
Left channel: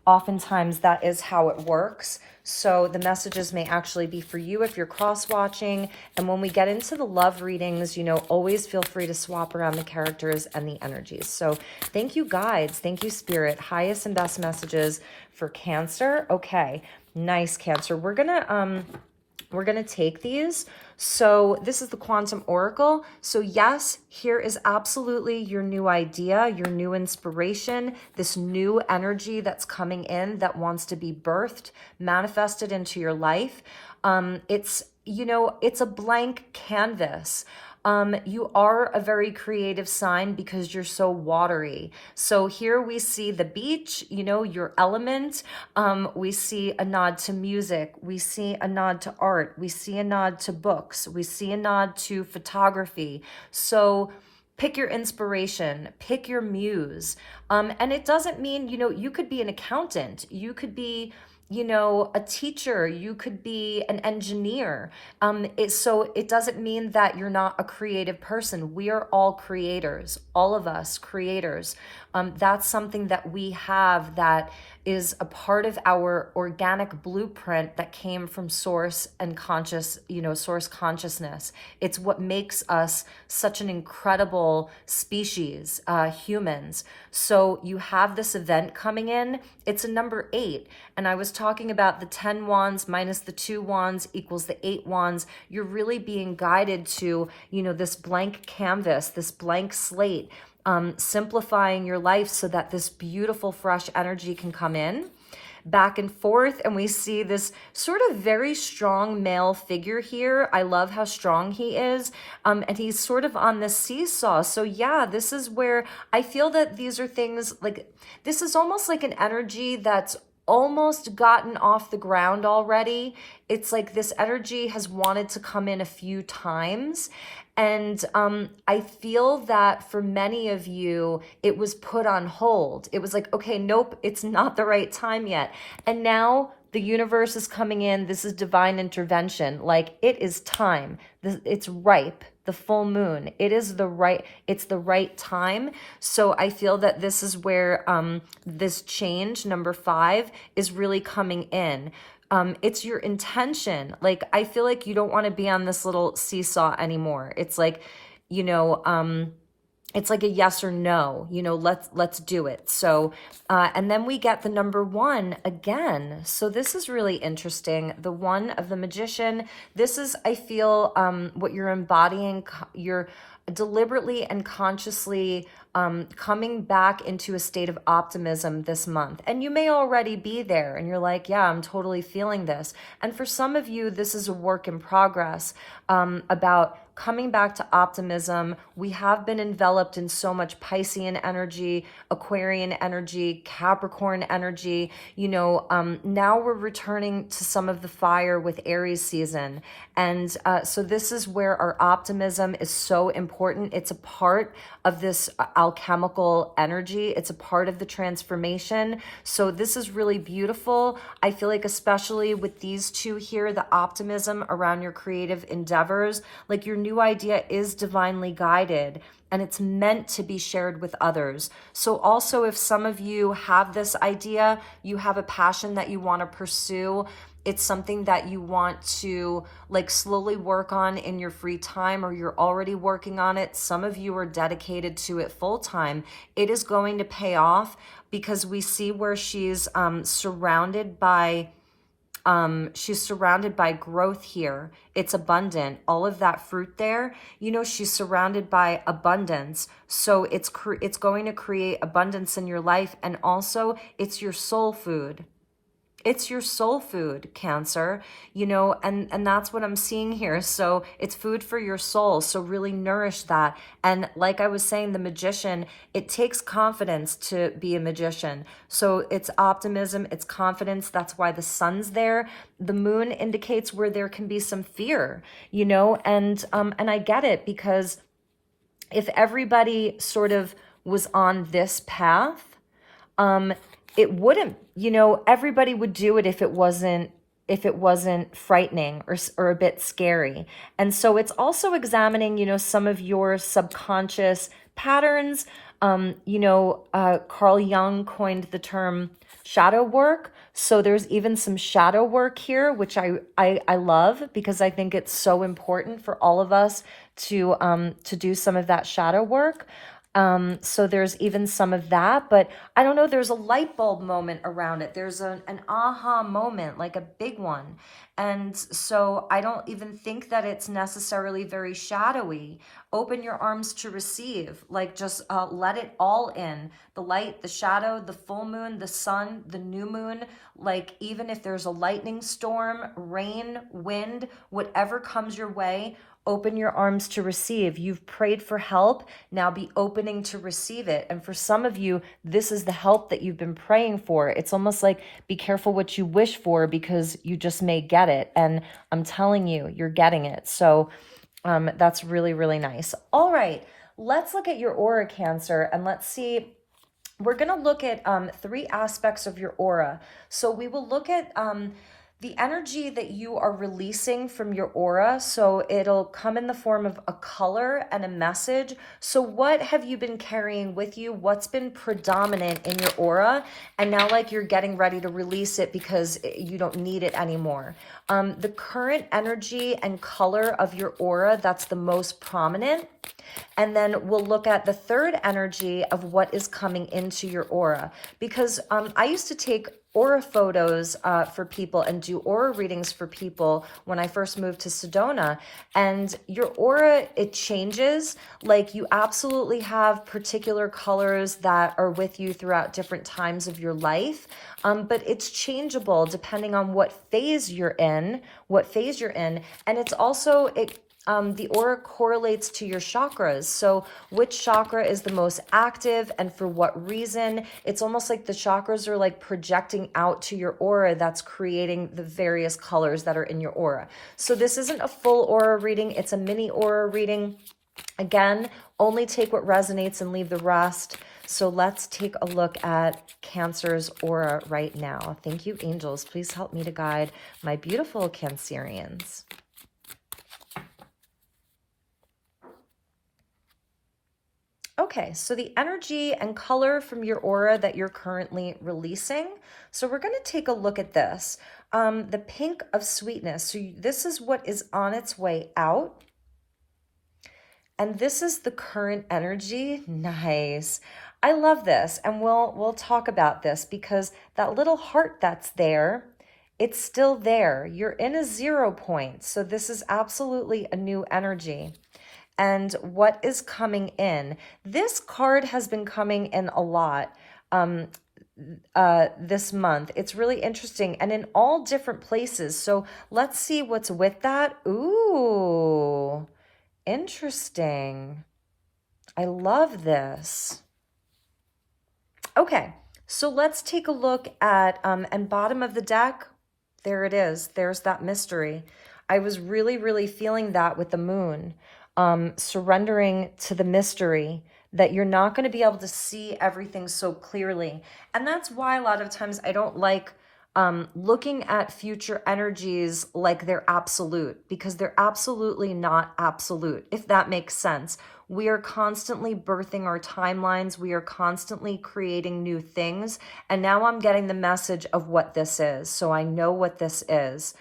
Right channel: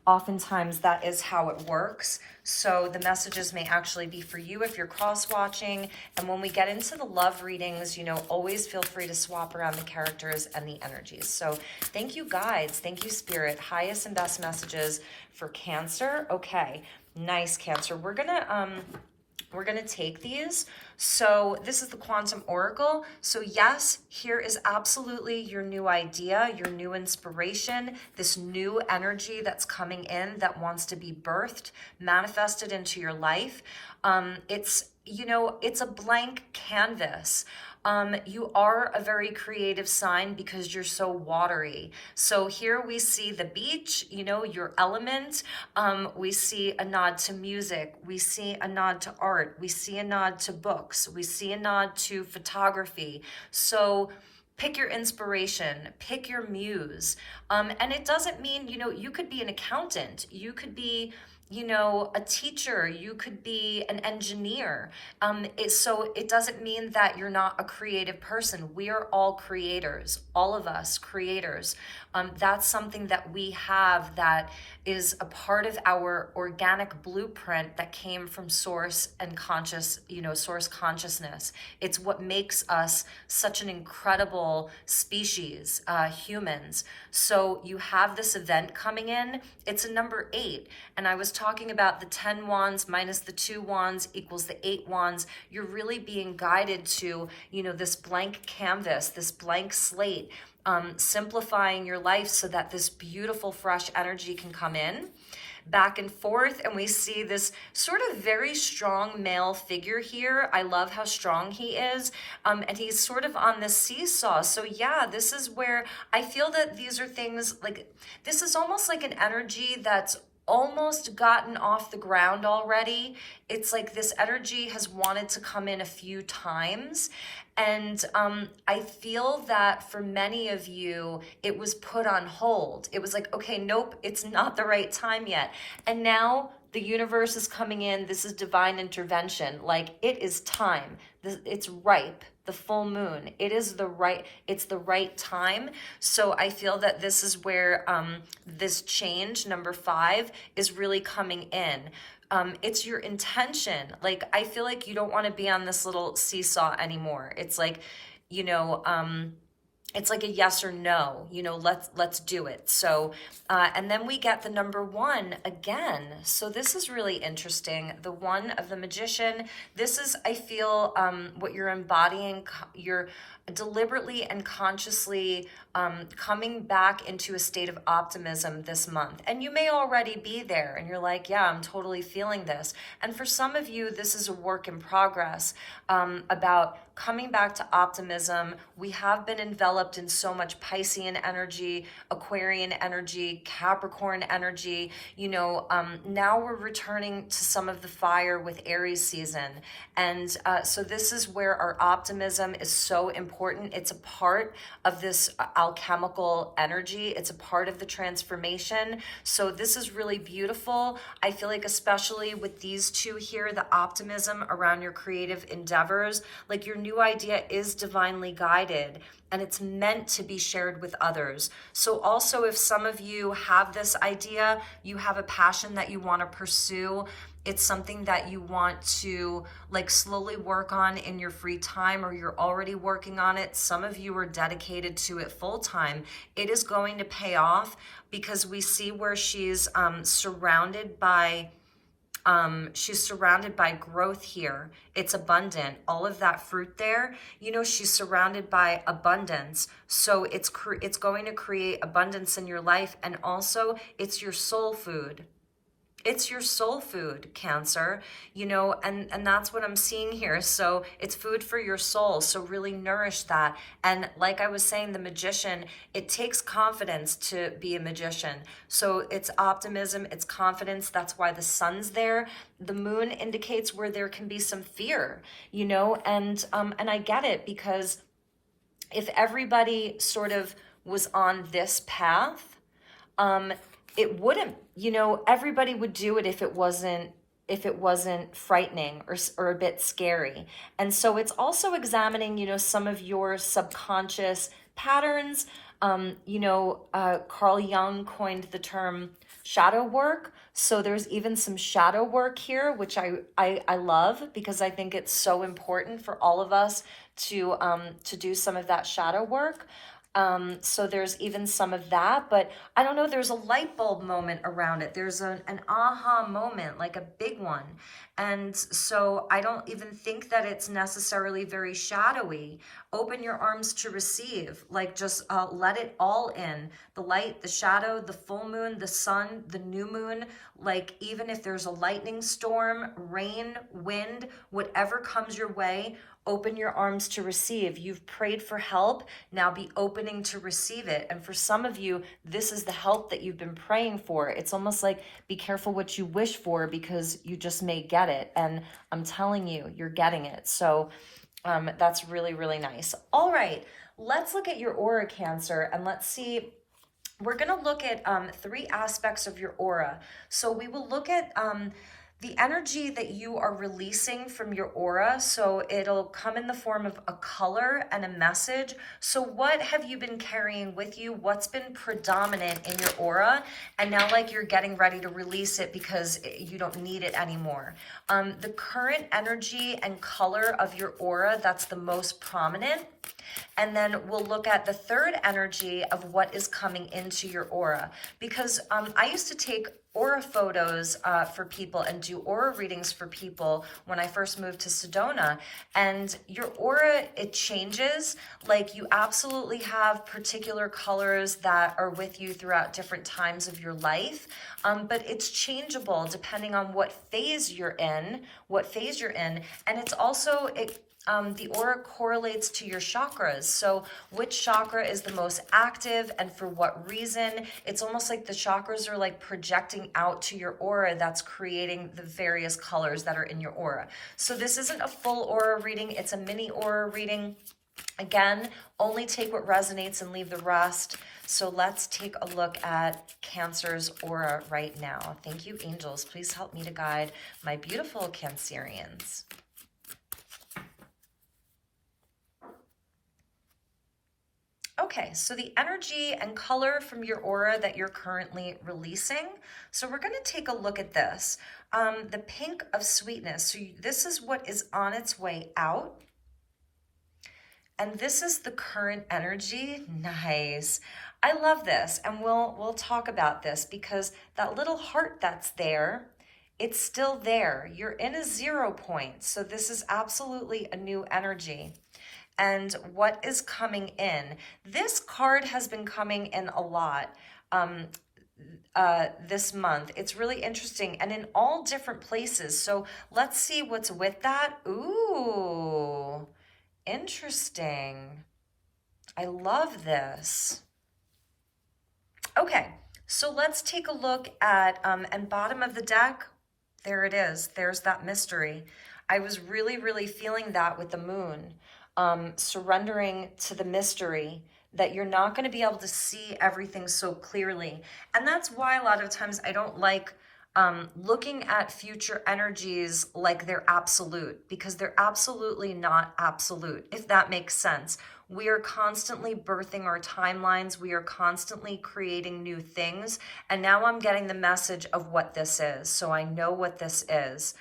Oftentimes that is how it works. So the messages may actually be for you if you're cross-watching. And when we get into the love readings, you know, always feel free to swap around the characters and the energies. So thank you, guides. Thank you, Spirit. Highest and best messages for Cancer. Okay, nice, Cancer. We're gonna take these. So this is the Quantum Oracle. So yes, here is absolutely your new idea, your new inspiration, this new energy that's coming in that wants to be birthed, manifested into your life. It's, you know, it's a blank canvas. You are a very creative sign because you're so watery. So here we see the beach, you know, your element. We see a nod to music. We see a nod to art. We see a nod to books. We see a nod to photography. So pick your inspiration, pick your muse. And it doesn't mean, you know, you could be an accountant. You could be, you know, a teacher, you could be an engineer. So it doesn't mean that you're not a creative person. We are all creators, all of us creators. That's something that we have that is a part of our organic blueprint that came from source and conscious, you know, source consciousness. It's what makes us such an incredible species, humans. So you have this event coming in. It's a number 8. And I was talking about the 10 wands minus the 2 wands equals the 8 wands. You're really being guided to, you know, this blank canvas, this blank slate, simplifying your life so that this beautiful fresh energy can come in back and forth. And we see this sort of very strong male figure here. I love how strong he is. And he's sort of on the seesaw. So yeah, this is where I feel that these are things like, this is almost like an energy that's almost gotten off the ground already. It's like this energy has wanted to come in a few times. And I feel that for many of you, it was put on hold. It was like, okay, nope, it's not the right time yet. And now the universe is coming in. This is divine intervention. Like, it is time. It's ripe. The full moon. It's the right time. So I feel that this is where this change, number 5, is really coming in. It's your intention. Like, I feel like you don't want to be on this little seesaw anymore. It's like, you know, it's like a yes or no, you know, let's do it. So, and then we get the number 1 again. So this is really interesting. The 1 of the Magician. This is, I feel, what you're embodying. You're deliberately and consciously coming back into a state of optimism this month. And you may already be there and you're like, yeah, I'm totally feeling this. And for some of you, this is a work in progress about coming back to optimism. We have been enveloped in so much Piscean energy, Aquarian energy, Capricorn energy. You know, now we're returning to some of the fire with Aries season. And so this is where our optimism is so important. It's a part of this alchemical energy. It's a part of the transformation. So this is really beautiful. I feel like especially with these 2 here, the optimism around your creative endeavors, like your new idea is divinely guided and it's meant to be shared with others. So also, if some of you have this idea, you have a passion that you want to pursue, it's something that you want to like slowly work on in your free time, or you're already working on it. Some of you are dedicated to it full time. It is going to pay off because we see where she's surrounded by growth here. It's abundant. All of that fruit there, you know, she's surrounded by abundance. So it's going to create abundance in your life. And also it's your soul food. It's your soul food, Cancer, you know, and that's what I'm seeing here. So it's food for your soul. So really nourish that. And like I was saying, the Magician, it takes confidence to be a magician. So it's optimism, it's confidence. That's why the sun's there. The moon indicates where there can be some fear, you know, and I get it, because if everybody sort of was on this path, it wouldn't, you know, everybody would do it if it wasn't frightening or a bit scary. And so it's also examining, you know, some of your subconscious patterns. You know, Carl Jung coined the term shadow work. So there's even some shadow work here, which I love, because I think it's so important for all of us to do some of that shadow work. So there's even some of that, but I don't know, there's a light bulb moment around it. There's an aha moment, like a big one. And so I don't even think that it's necessarily very shadowy. Open your arms to receive, like just let it all in. The light, the shadow, the full moon, the sun, the new moon, like even if there's a lightning storm, rain, wind, whatever comes your way, open your arms to receive. You've prayed for help. Now be opening to receive it. And for some of you, this is the help that you've been praying for. It's almost like be careful what you wish for, because you just may get it. And I'm telling you, you're getting it. So that's really, really nice. All right, let's look at your aura, Cancer, and let's see. We're going to look at 3 aspects of your aura. So we will look at the energy that you are releasing from your aura. So it'll come in the form of a color and a message. So what have you been carrying with you? What's been predominant in your aura? And now like you're getting ready to release it because you don't need it anymore. The current energy and color of your aura, that's the most prominent. And then we'll look at the third energy of what is coming into your aura. Because I used to take aura photos for people and do aura readings for people when I first moved to Sedona. And your aura, it changes. Like you absolutely have particular colors that are with you throughout different times of your life. but it's changeable depending on what phase you're in, and it's also, the aura correlates to your chakras. So which chakra is the most active and for what reason? It's almost like the chakras are like projecting out to your aura that's creating the various colors that are in your aura. So this isn't a full aura reading, it's a mini aura reading. Again, only take what resonates and leave the rest. So let's take a look at Cancer's aura right now. Thank you, angels. Please help me to guide my beautiful Cancerians. Okay, so the energy and color from your aura that you're currently releasing. So we're going to take a look at this. The pink of sweetness. So this is what is on its way out. And this is the current energy. Nice. I love this. And we'll talk about this because that little heart that's there, it's still there. You're in a 0 point. So this is absolutely a new energy. And what is coming in? This card has been coming in a lot this month. It's really interesting and in all different places. So let's see what's with that. Ooh, interesting. I love this. Okay, so let's take a look at, and bottom of the deck, there it is. There's that mystery. I was really, really feeling that with the moon. Surrendering to the mystery, that you're not going to be able to see everything so clearly. And that's why a lot of times I don't like looking at future energies like they're absolute, because they're absolutely not absolute, if that makes sense. We are constantly birthing our timelines. We are constantly creating new things. And now I'm getting the message of what this is. So I know what this is.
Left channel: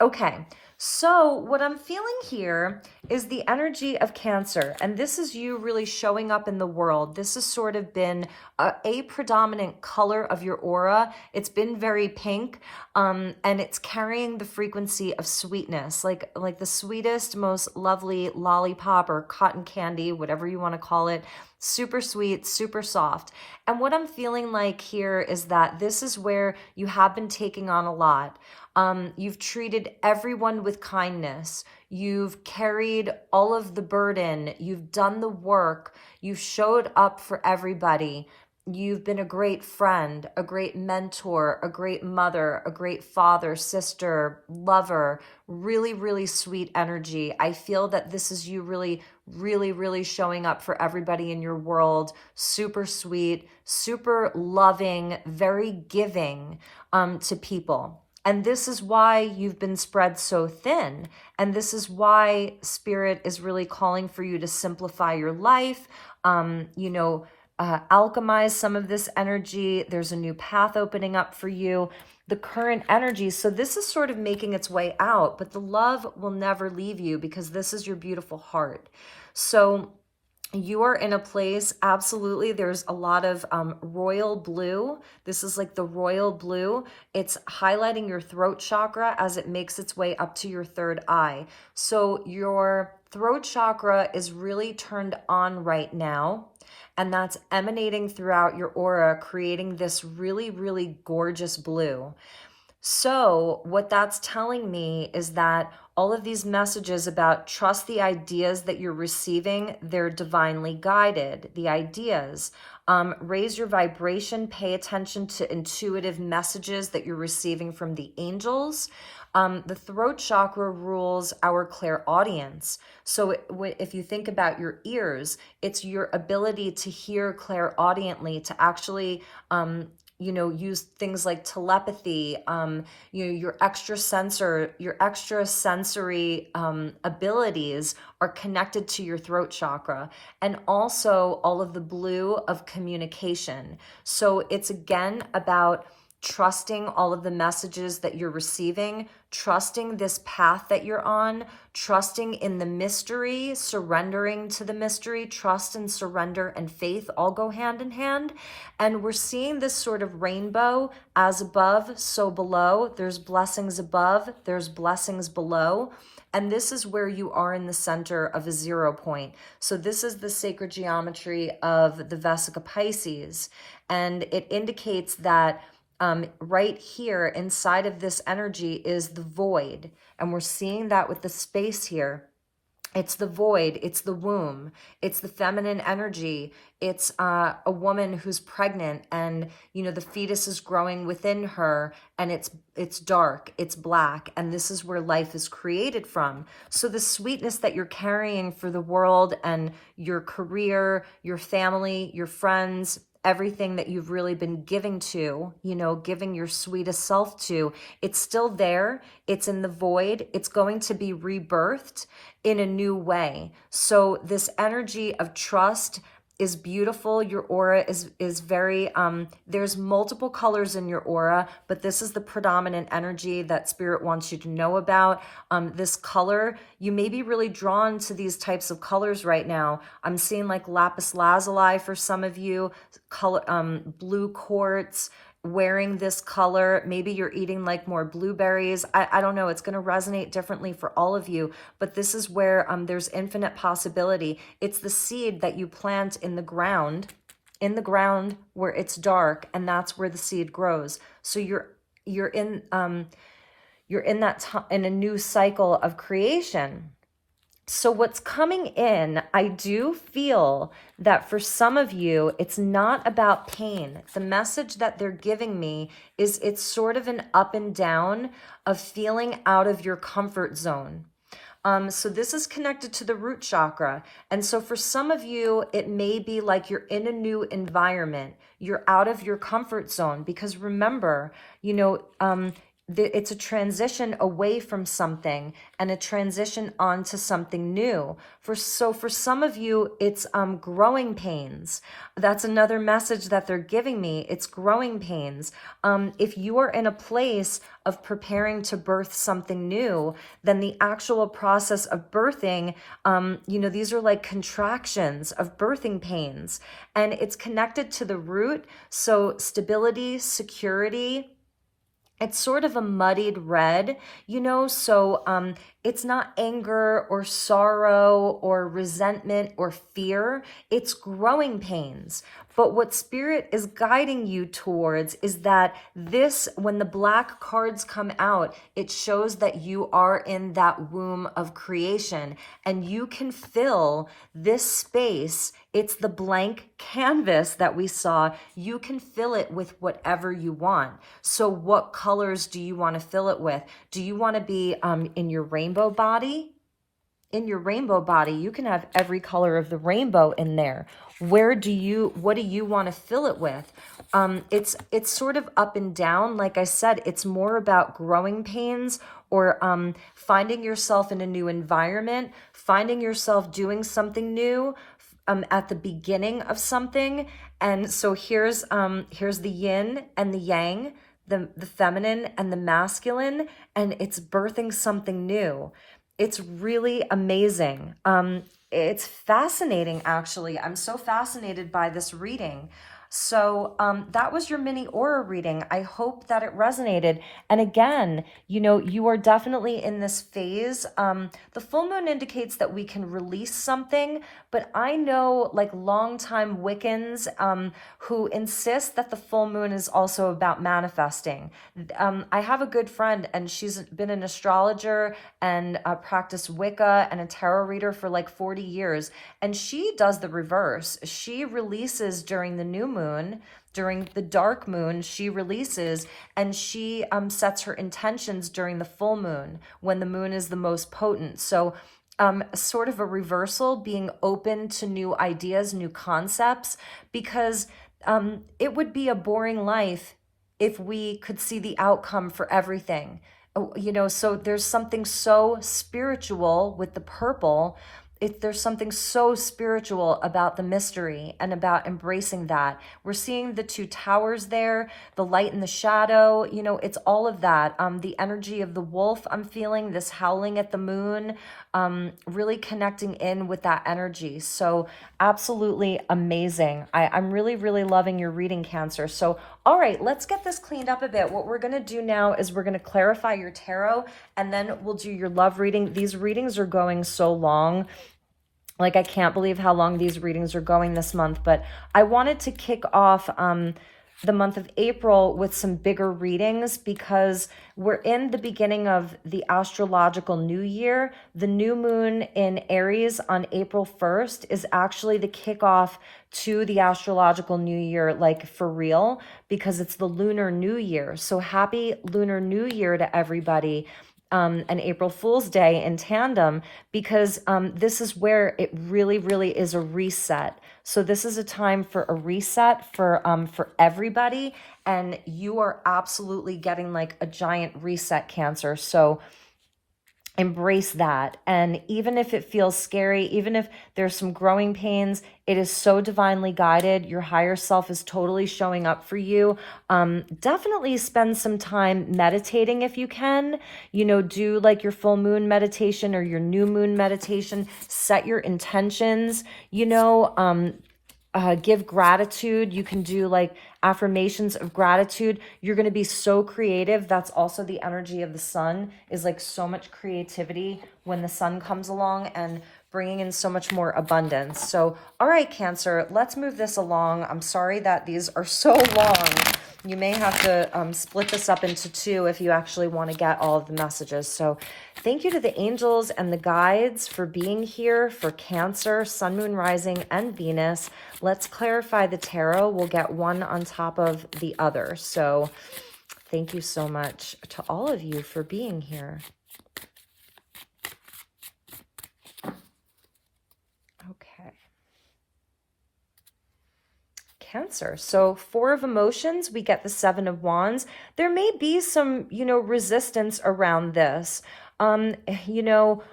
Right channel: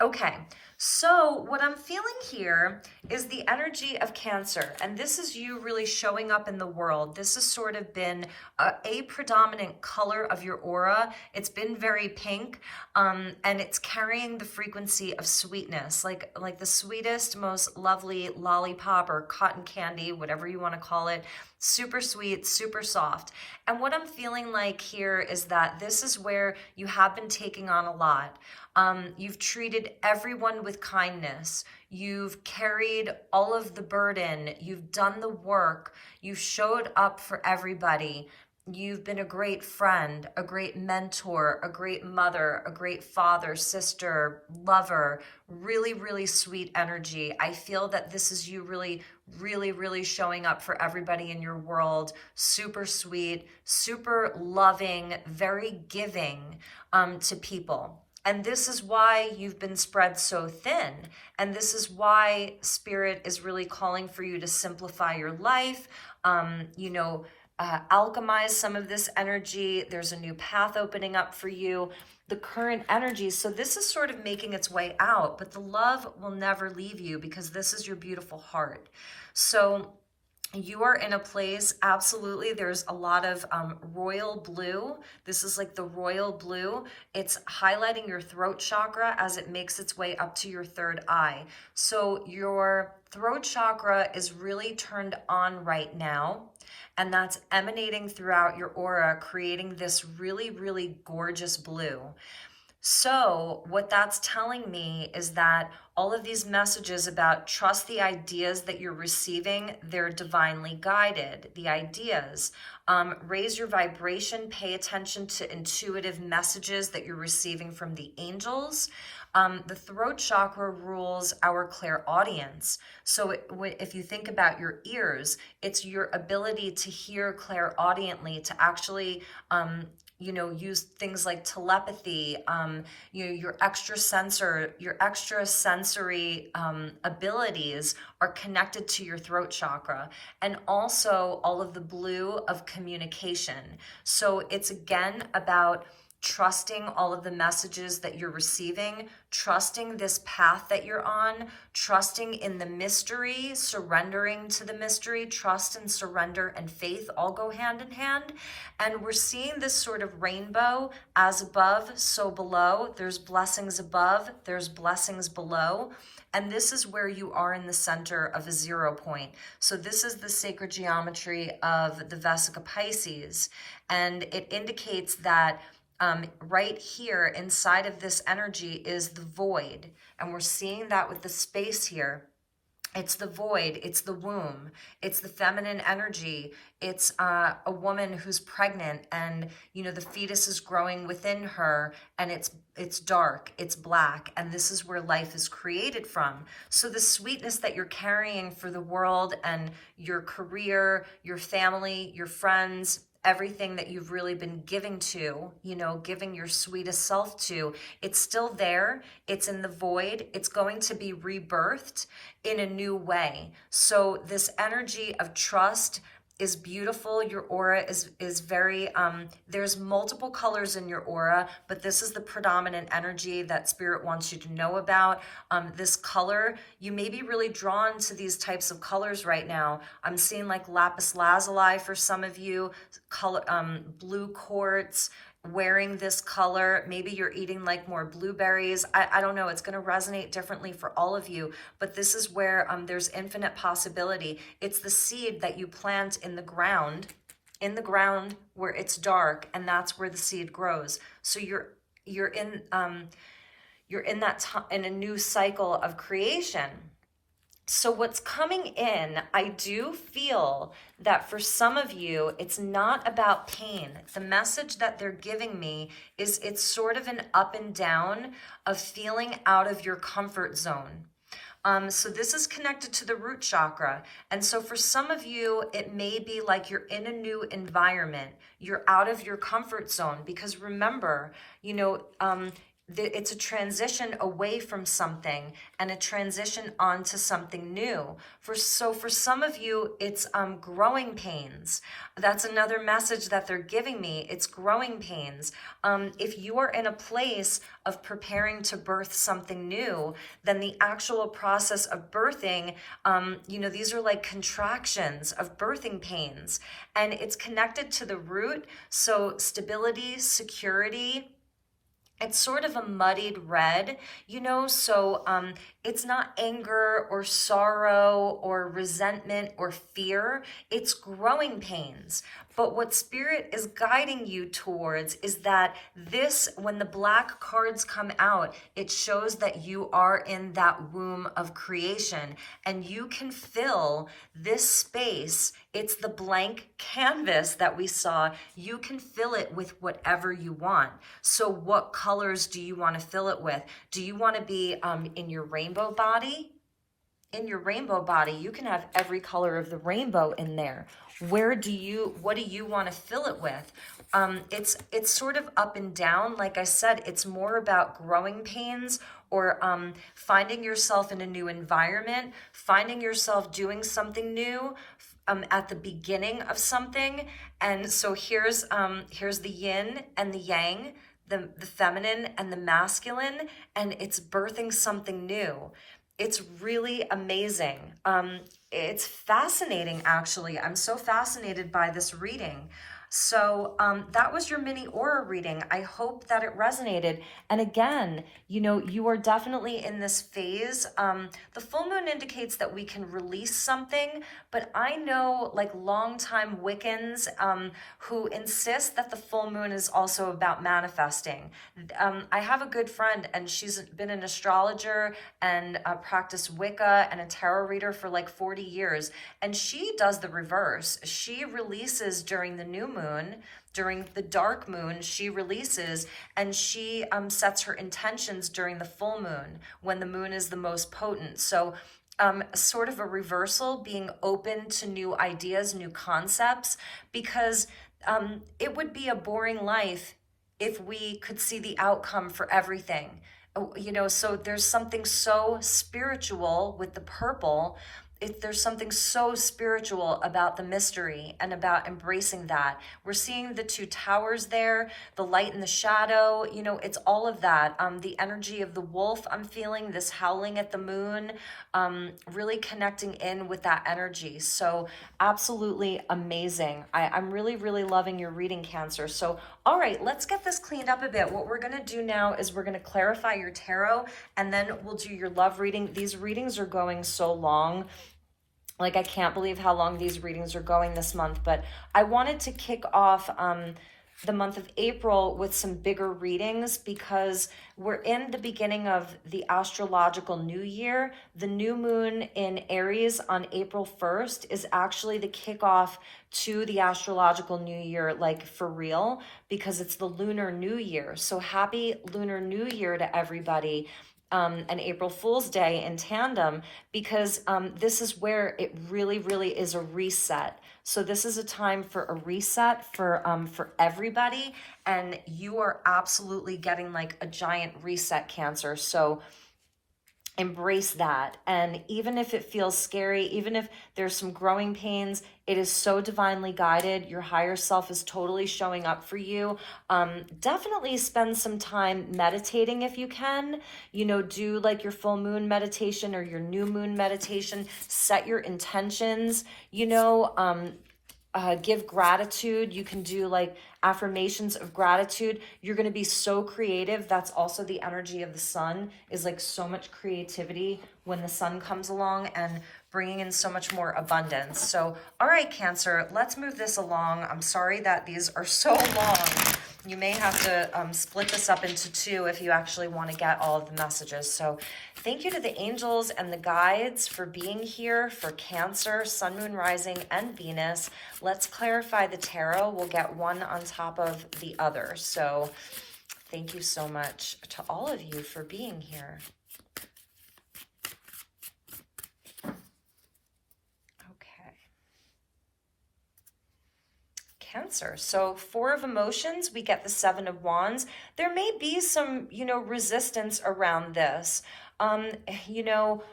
Okay. So what I'm feeling here is the energy of Cancer, and this is you really showing up in the world. This has sort of been a predominant color of your aura. It's been very pink, and it's carrying the frequency of sweetness, like the sweetest, most lovely lollipop or cotton candy, whatever you want to call it. Super sweet, super soft. And what I'm feeling like here is that this is where you have been taking on a lot. You've treated everyone with kindness. You've carried all of the burden. You've done the work. You've showed up for everybody. You've been a great friend, a great mentor, a great mother, a great father, sister, lover. Really, really sweet energy. I feel that this is you really, really, really showing up for everybody in your world. Super sweet, super loving, very giving to people. And this is why you've been spread so thin. And this is why Spirit is really calling for you to simplify your life, alchemize some of this energy. There's a new path opening up for you. The current energy. So this is sort of making its way out, but the love will never leave you because this is your beautiful heart. So you are in a place, absolutely, there's a lot of royal blue. This is like the royal blue. It's highlighting your throat chakra as it makes its way up to your third eye. So your throat chakra is really turned on right now, and that's emanating throughout your aura, creating this really, really gorgeous blue. So what that's telling me is that all of these messages about trust the ideas that you're receiving, they're divinely guided. The ideas, raise your vibration, pay attention to intuitive messages that you're receiving from the angels. The throat chakra rules our clairaudience. So if you think about your ears, it's your ability to hear clairaudiently, to actually use things like telepathy, your extrasensory abilities are connected to your throat chakra, and also all of the blue of communication. So it's again about trusting all of the messages that you're receiving, trusting this path that you're on, trusting in the mystery, surrendering to the mystery. Trust and surrender and faith all go hand in hand. And we're seeing this sort of rainbow, as above, so below. There's blessings above, there's blessings below. And this is where you are in the center of a 0 point. So this is the sacred geometry of the Vesica Pisces. And it indicates that right here inside of this energy is the void. And we're seeing that with the space here. It's the void, it's the womb, it's the feminine energy. It's a woman who's pregnant and, you know, the fetus is growing within her, and it's dark, it's black, and this is where life is created from. So the sweetness that you're carrying for the world and your career, your family, your friends, everything that you've really been giving to, you know, giving your sweetest self to, it's still there. It's in the void. It's going to be rebirthed in a new way. So this energy of trust is beautiful. Your aura is very, there's multiple colors in your aura, but this is the predominant energy that Spirit wants you to know about. This color, you may be really drawn to these types of colors right now. I'm seeing like lapis lazuli for some of you, color, blue quartz, wearing this color. Maybe you're eating like more blueberries. I don't know. It's going to resonate differently for all of you, but this is where there's infinite possibility. It's the seed that you plant in the ground where it's dark, and that's where the seed grows. So you're in in a new cycle of creation. So what's coming in, I do feel that for some of you, it's not about pain. The message that they're giving me is it's sort of an up and down of feeling out of your comfort zone. So this is connected to the root chakra. And so for some of you, it may be like you're in a new environment. You're out of your comfort zone, because remember, you know, it's a transition away from something and a transition onto something new. For some of you, it's growing pains. That's another message that they're giving me. It's growing pains. If you are in a place of preparing to birth something new, then the actual process of birthing, you know, these are like contractions of birthing pains, and it's connected to the root. So stability, security. It's sort of a muddied red, you know, so it's not anger or sorrow or resentment or fear. It's growing pains. But what Spirit is guiding you towards is that this, when the black cards come out, it shows that you are in that womb of creation, and you can fill this space. It's the blank canvas that we saw. You can fill it with whatever you want. So what colors do you want to fill it with? Do you want to be in your rainbow body? In your rainbow body, you can have every color of the rainbow in there. What do you want to fill it with? It's sort of up and down. Like I said, it's more about growing pains, or finding yourself in a new environment, finding yourself doing something new, at the beginning of something. And so here's the yin and the yang, the feminine and the masculine, and it's birthing something new. It's really amazing. It's fascinating, actually. I'm so fascinated by this reading. So that was your mini aura reading. I hope that it resonated. And again, you know, you are definitely in this phase. The full moon indicates that we can release something, but I know like longtime Wiccans who insist that the full moon is also about manifesting. I have a good friend, and she's been an astrologer and practiced Wicca and a tarot reader for like 40 years. And she does the reverse. She releases during the new moon. During the dark moon, she releases, and she sets her intentions during the full moon, when the moon is the most potent. So sort of a reversal, being open to new ideas, new concepts, because it would be a boring life if we could see the outcome for everything. You know, so there's something so spiritual with the purple. There's something so spiritual about the mystery and about embracing that. We're seeing the two towers there, the light and the shadow, you know, it's all of that. The energy of the wolf, I'm feeling this howling at the moon, really connecting in with that energy. So absolutely amazing. I'm really, really loving your reading, Cancer. So, all right, let's get this cleaned up a bit. What we're going to do now is we're going to clarify your tarot, and then we'll do your love reading. These readings are going so long. Like, I can't believe how long these readings are going this month, but I wanted to kick off the month of April with some bigger readings because we're in the beginning of the astrological new year. The new moon in Aries on April 1st is actually the kickoff to the astrological new year, like for real, because it's the lunar new year. So happy lunar new year to everybody. And April Fool's Day in tandem, because this is where it really, really is a reset. So this is a time for a reset for everybody, and you are absolutely getting like a giant reset, Cancer. So embrace that. And even if it feels scary, even if there's some growing pains, it is so divinely guided. Your higher self is totally showing up for you. Definitely spend some time meditating if you can. You know, do like your full moon meditation or your new moon meditation. Set your intentions, you know, give gratitude. You can do like affirmations of gratitude. You're going to be so creative. That's also the energy of the sun, is like so much creativity when the sun comes along and bringing in so much more abundance. So, all right, Cancer, let's move this along. I'm sorry that these are so long. You may have to split this up into two if you actually want to get all of the messages. So thank you to the angels and the guides for being here for Cancer, Sun, Moon, Rising, and Venus. Let's clarify the tarot. We'll get one on top of the other. So thank you so much to all of you for being here. Cancer. So 4 of emotions, we get the 7 of wands. There may be some, you know, resistance around this. You know,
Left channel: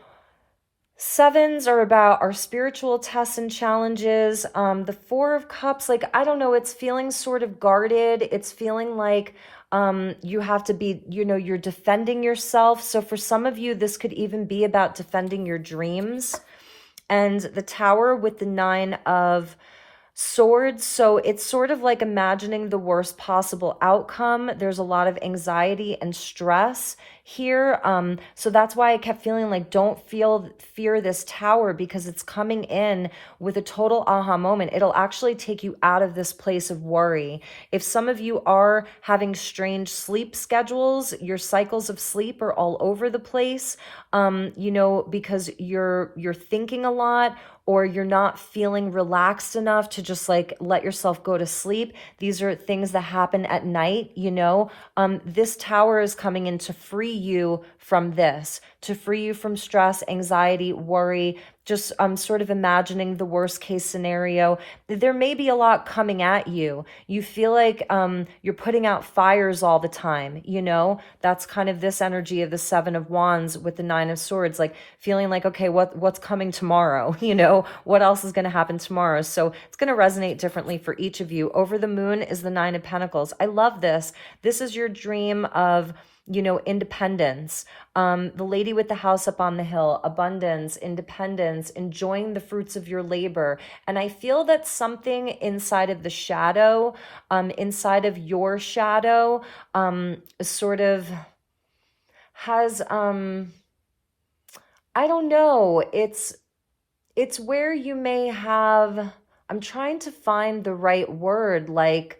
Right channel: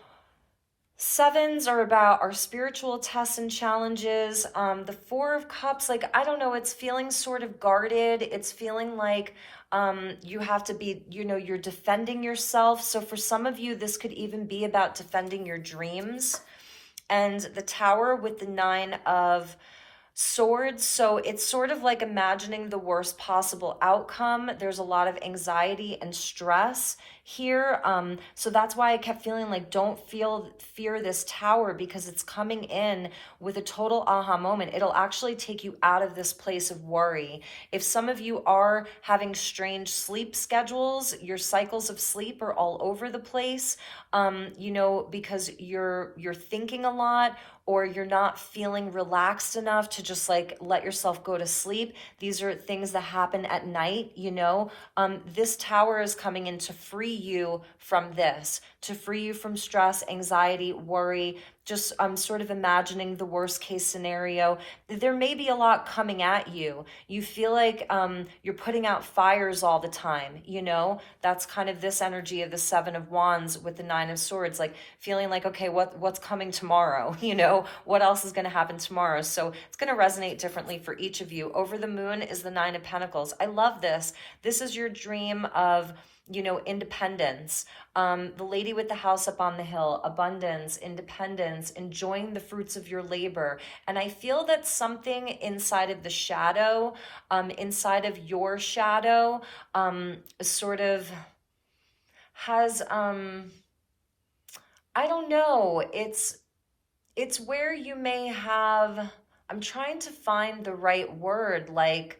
7s are about our spiritual tests and challenges. The 4 of cups, like, I don't know, it's feeling sort of guarded. It's feeling like you have to be, you know, you're defending yourself. So for some of you, this could even be about defending your dreams. And the Tower with the 9 of Swords, so it's sort of like imagining the worst possible outcome. There's a lot of anxiety and stress here. So that's why I kept feeling like don't fear this tower, because it's coming in with a total aha moment. It'll actually take you out of this place of worry. If some of you are having strange sleep schedules, your cycles of sleep are all over the place, you know, because you're thinking a lot, or you're not feeling relaxed enough to just like let yourself go to sleep. These are things that happen at night, you know. This tower is coming in to free you from this, to free you from stress, anxiety, worry, just sort of imagining the worst case scenario. There may be a lot coming at you. You feel like you're putting out fires all the time, you know. That's kind of this energy of the 7 of wands with the 9 of swords, like feeling like, okay, what's coming tomorrow, you know, what else is going to happen tomorrow. So it's going to resonate differently for each of you. Over the moon is the 9 of pentacles. I love this. This is your dream of, you know, independence. The lady with the house up on the hill, abundance, independence, enjoying the fruits of your labor. And I feel that something inside of the shadow, inside of your shadow, sort of has, I don't know, it's where you may have, I'm trying to find the right word, like,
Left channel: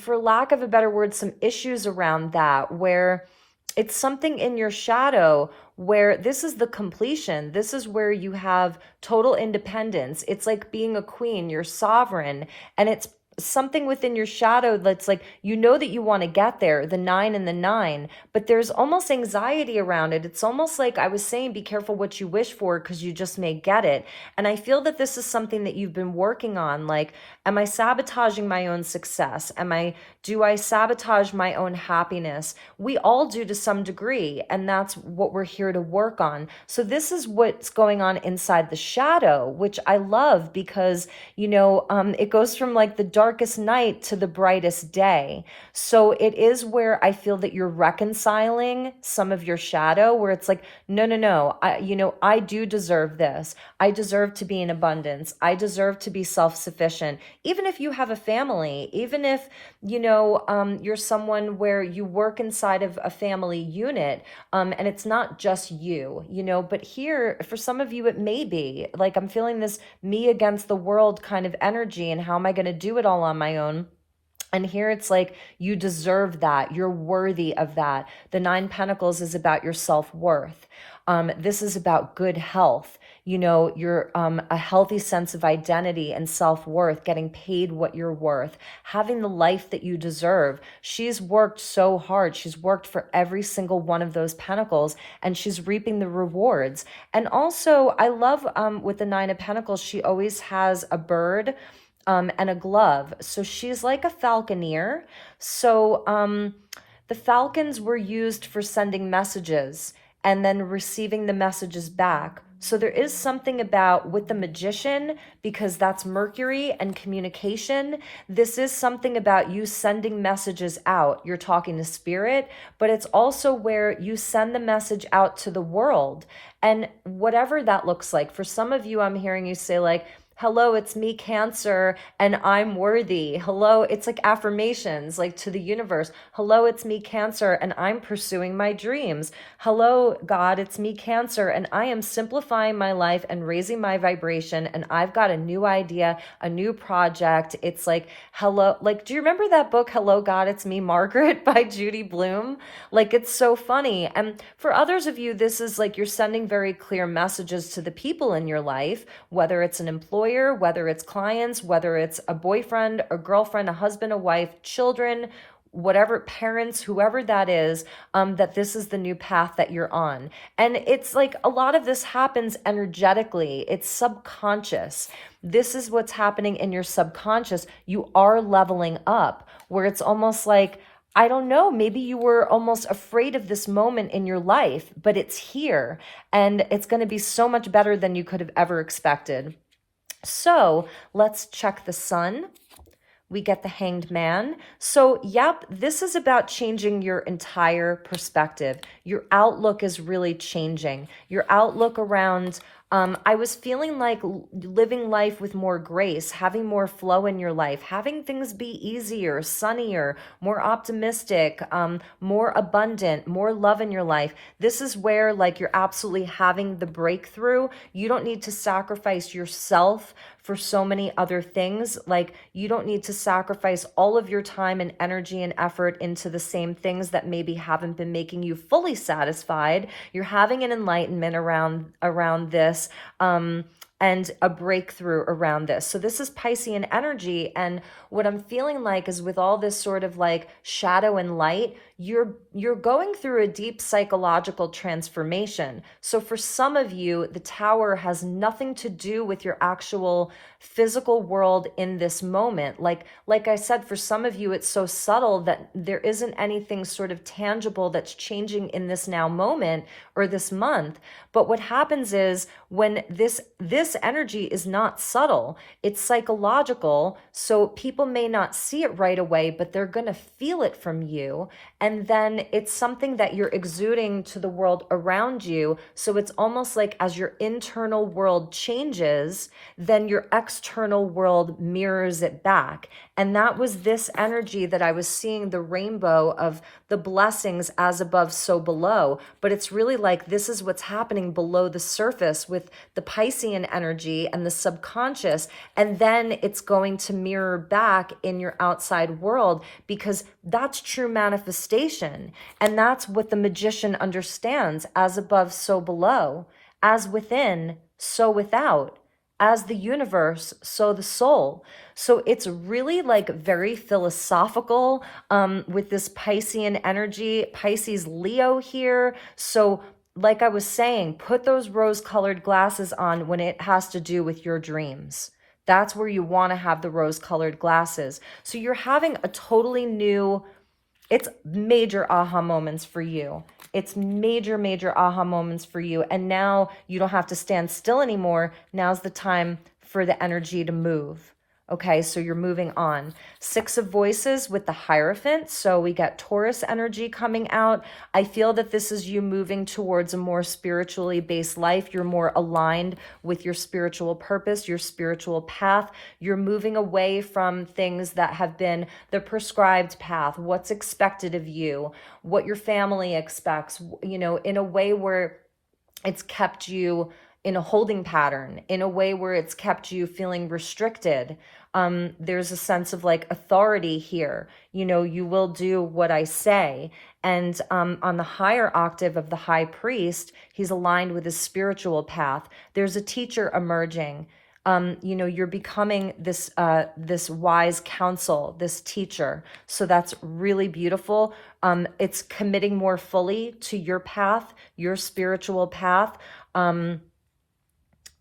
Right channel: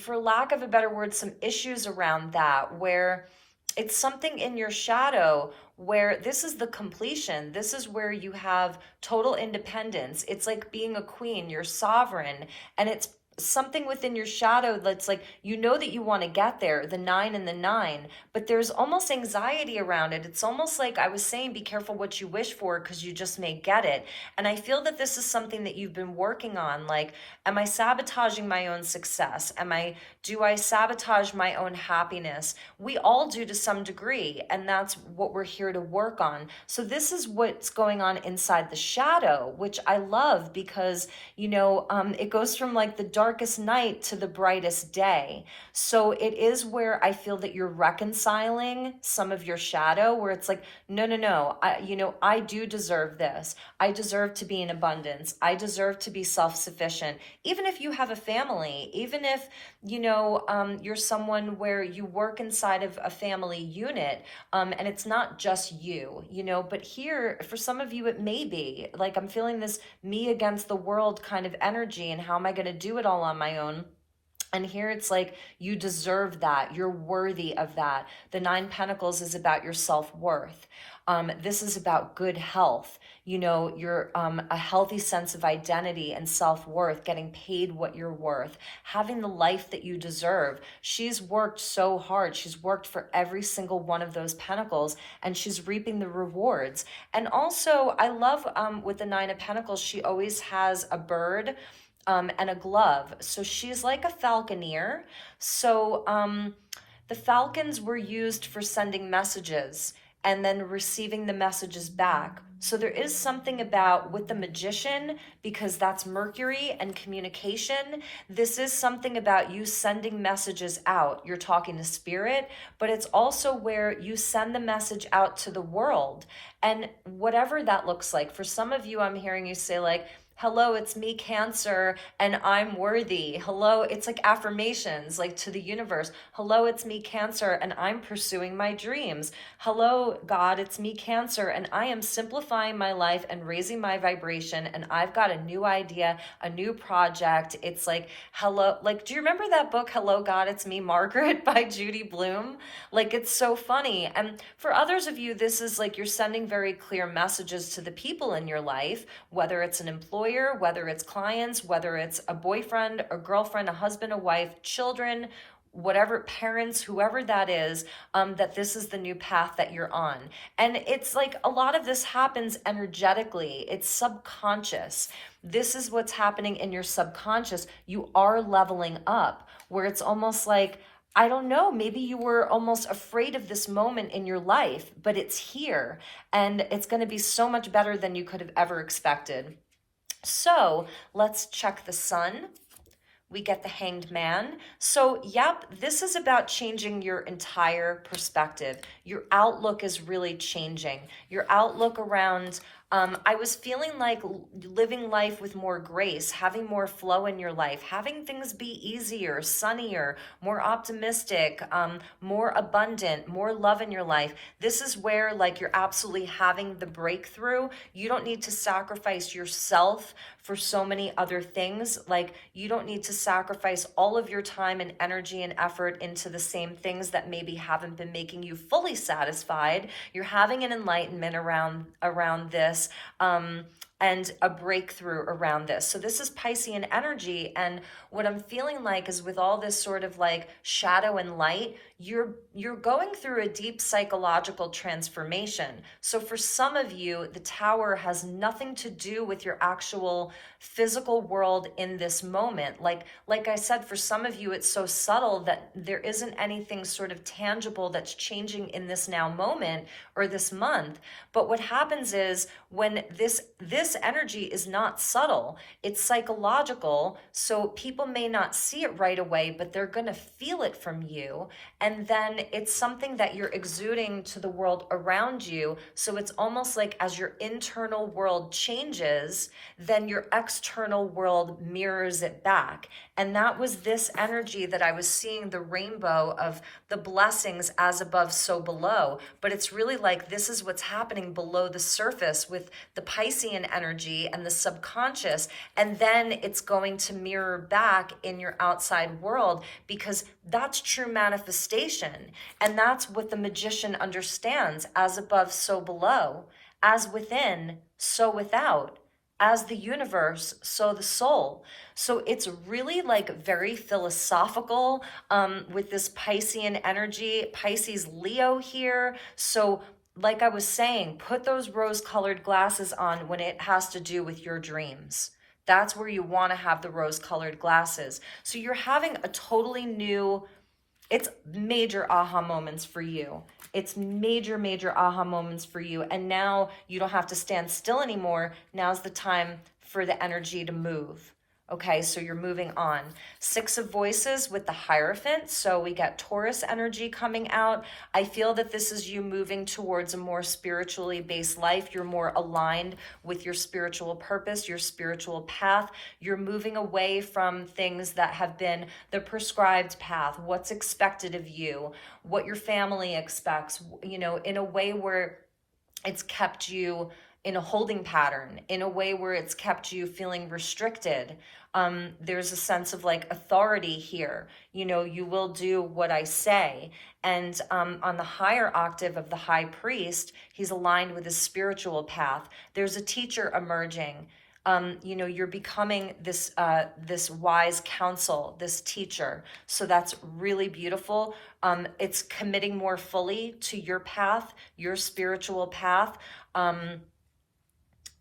for lack of a better word, some issues around that, where it's something in your shadow where this is the completion. This is where you have total independence. It's like being a queen, you're sovereign, and it's something within your shadow that's like, you know that you want to get there, the 9 and the 9, but there's almost anxiety around it. It's almost like I was saying, be careful what you wish for, because you just may get it. And I feel that this is something that you've been working on. Like, am I sabotaging my own success? Do I sabotage my own happiness? We all do to some degree, and that's what we're here to work on. So this is what's going on inside the shadow, which I love, because, you know, it goes from like the darkest night to the brightest day. So it is where I feel that you're reconciling some of your shadow, where it's like, no, I do deserve this. I deserve to be in abundance. I deserve to be self-sufficient. Even if you have a family, even if, you know, you're someone where you work inside of a family unit, and it's not just you, you know, but here, for some of you, it may be like, I'm feeling this me against the world kind of energy, and how am I going to do it all on my own? And here it's like, you deserve that. You're worthy of that. The Nine Pentacles is about your self-worth. This is about good health. You know, you're a healthy sense of identity and self-worth, getting paid what you're worth, having the life that you deserve. She's worked so hard. She's worked for every single one of those pentacles, and she's reaping the rewards. And also, I love with the Nine of Pentacles, she always has a bird and a glove. So she's like a falconer. So the falcons were used for sending messages and then receiving the messages back. So there is something about with the magician, because that's Mercury and communication. This is something about you sending messages out. You're talking to spirit, but it's also where you send the message out to the world. And whatever that looks like, for some of you, I'm hearing you say like, hello, it's me, Cancer, and I'm worthy. Hello, it's like affirmations, like to the universe. Hello, it's me, Cancer, and I'm pursuing my dreams. Hello, God, it's me, Cancer, and I am simplifying my life and raising my vibration, and I've got a new idea, a new project. It's like, hello, like, do you remember that book, Hello, God, It's Me, Margaret, by Judy Blume? Like, it's so funny. And for others of you, this is like you're sending very clear messages to the people in your life, whether it's an employee, whether it's clients, whether it's a boyfriend, a girlfriend, a husband, a wife, children, whatever, parents, whoever that is, that this is the new path that you're on. And it's like a lot of this happens energetically. It's subconscious. This is what's happening in your subconscious. You are leveling up, where it's almost like, I don't know, maybe you were almost afraid of this moment in your life, but it's here, and it's going to be so much better than you could have ever expected. So let's check the sun. We get the Hanged Man. So, yep, this is about changing your entire perspective. Your outlook is really changing. Your outlook around, I was feeling like living life with more grace, having more flow in your life, having things be easier, sunnier, more optimistic, more abundant, more love in your life. This is where like you're absolutely having the breakthrough. You don't need to sacrifice yourself for so many other things. Like, you don't need to sacrifice all of your time and energy and effort into the same things that maybe haven't been making you fully satisfied. You're having an enlightenment around this, and a breakthrough around this. So this is Piscean energy, and what I'm feeling like is with all this sort of like shadow and light, you're going through a deep psychological transformation. So for some of you, the Tower has nothing to do with your actual physical world in this moment. Like I said, for some of you, it's so subtle that there isn't anything sort of tangible that's changing in this now moment or this month. But what happens is when this energy is not subtle, it's psychological. So people may not see it right away, but they're going to feel it from you. And then it's something that you're exuding to the world around you. So it's almost like as your internal world changes, then your external world mirrors it back. And that was this energy that I was seeing, the rainbow of the blessings as above, so below. But it's really like this is what's happening below the surface with the Piscean energy and the subconscious. And then it's going to mirror back in your outside world, because that's true manifestation. And that's what the magician understands: as above, so below, as within, so without, as the universe, so the soul. So it's really like very philosophical with this Piscean energy, Pisces Leo here. So like I was saying, put those rose-colored glasses on when it has to do with your dreams. That's where you want to have the rose-colored glasses. So you're having a totally new, it's major aha moments for you. It's major aha moments for you. And now you don't have to stand still anymore. Now's the time for the energy to move. Okay, so you're moving on. Six of Voices with the Hierophant. So we got Taurus energy coming out. I feel that this is you moving towards a more spiritually based life. You're more aligned with your spiritual purpose, your spiritual path. You're moving away from things that have been the prescribed path, what's expected of you, what your family expects, you know, in a way where it's kept you in a holding pattern, in a way where it's kept you feeling restricted. There's a sense of like authority here. You know, you will do what I say. And on the higher octave of the high priest, he's aligned with his spiritual path. There's a teacher emerging. You know, you're becoming this wise counsel, this teacher. So that's really beautiful. It's committing more fully to your path, your spiritual path.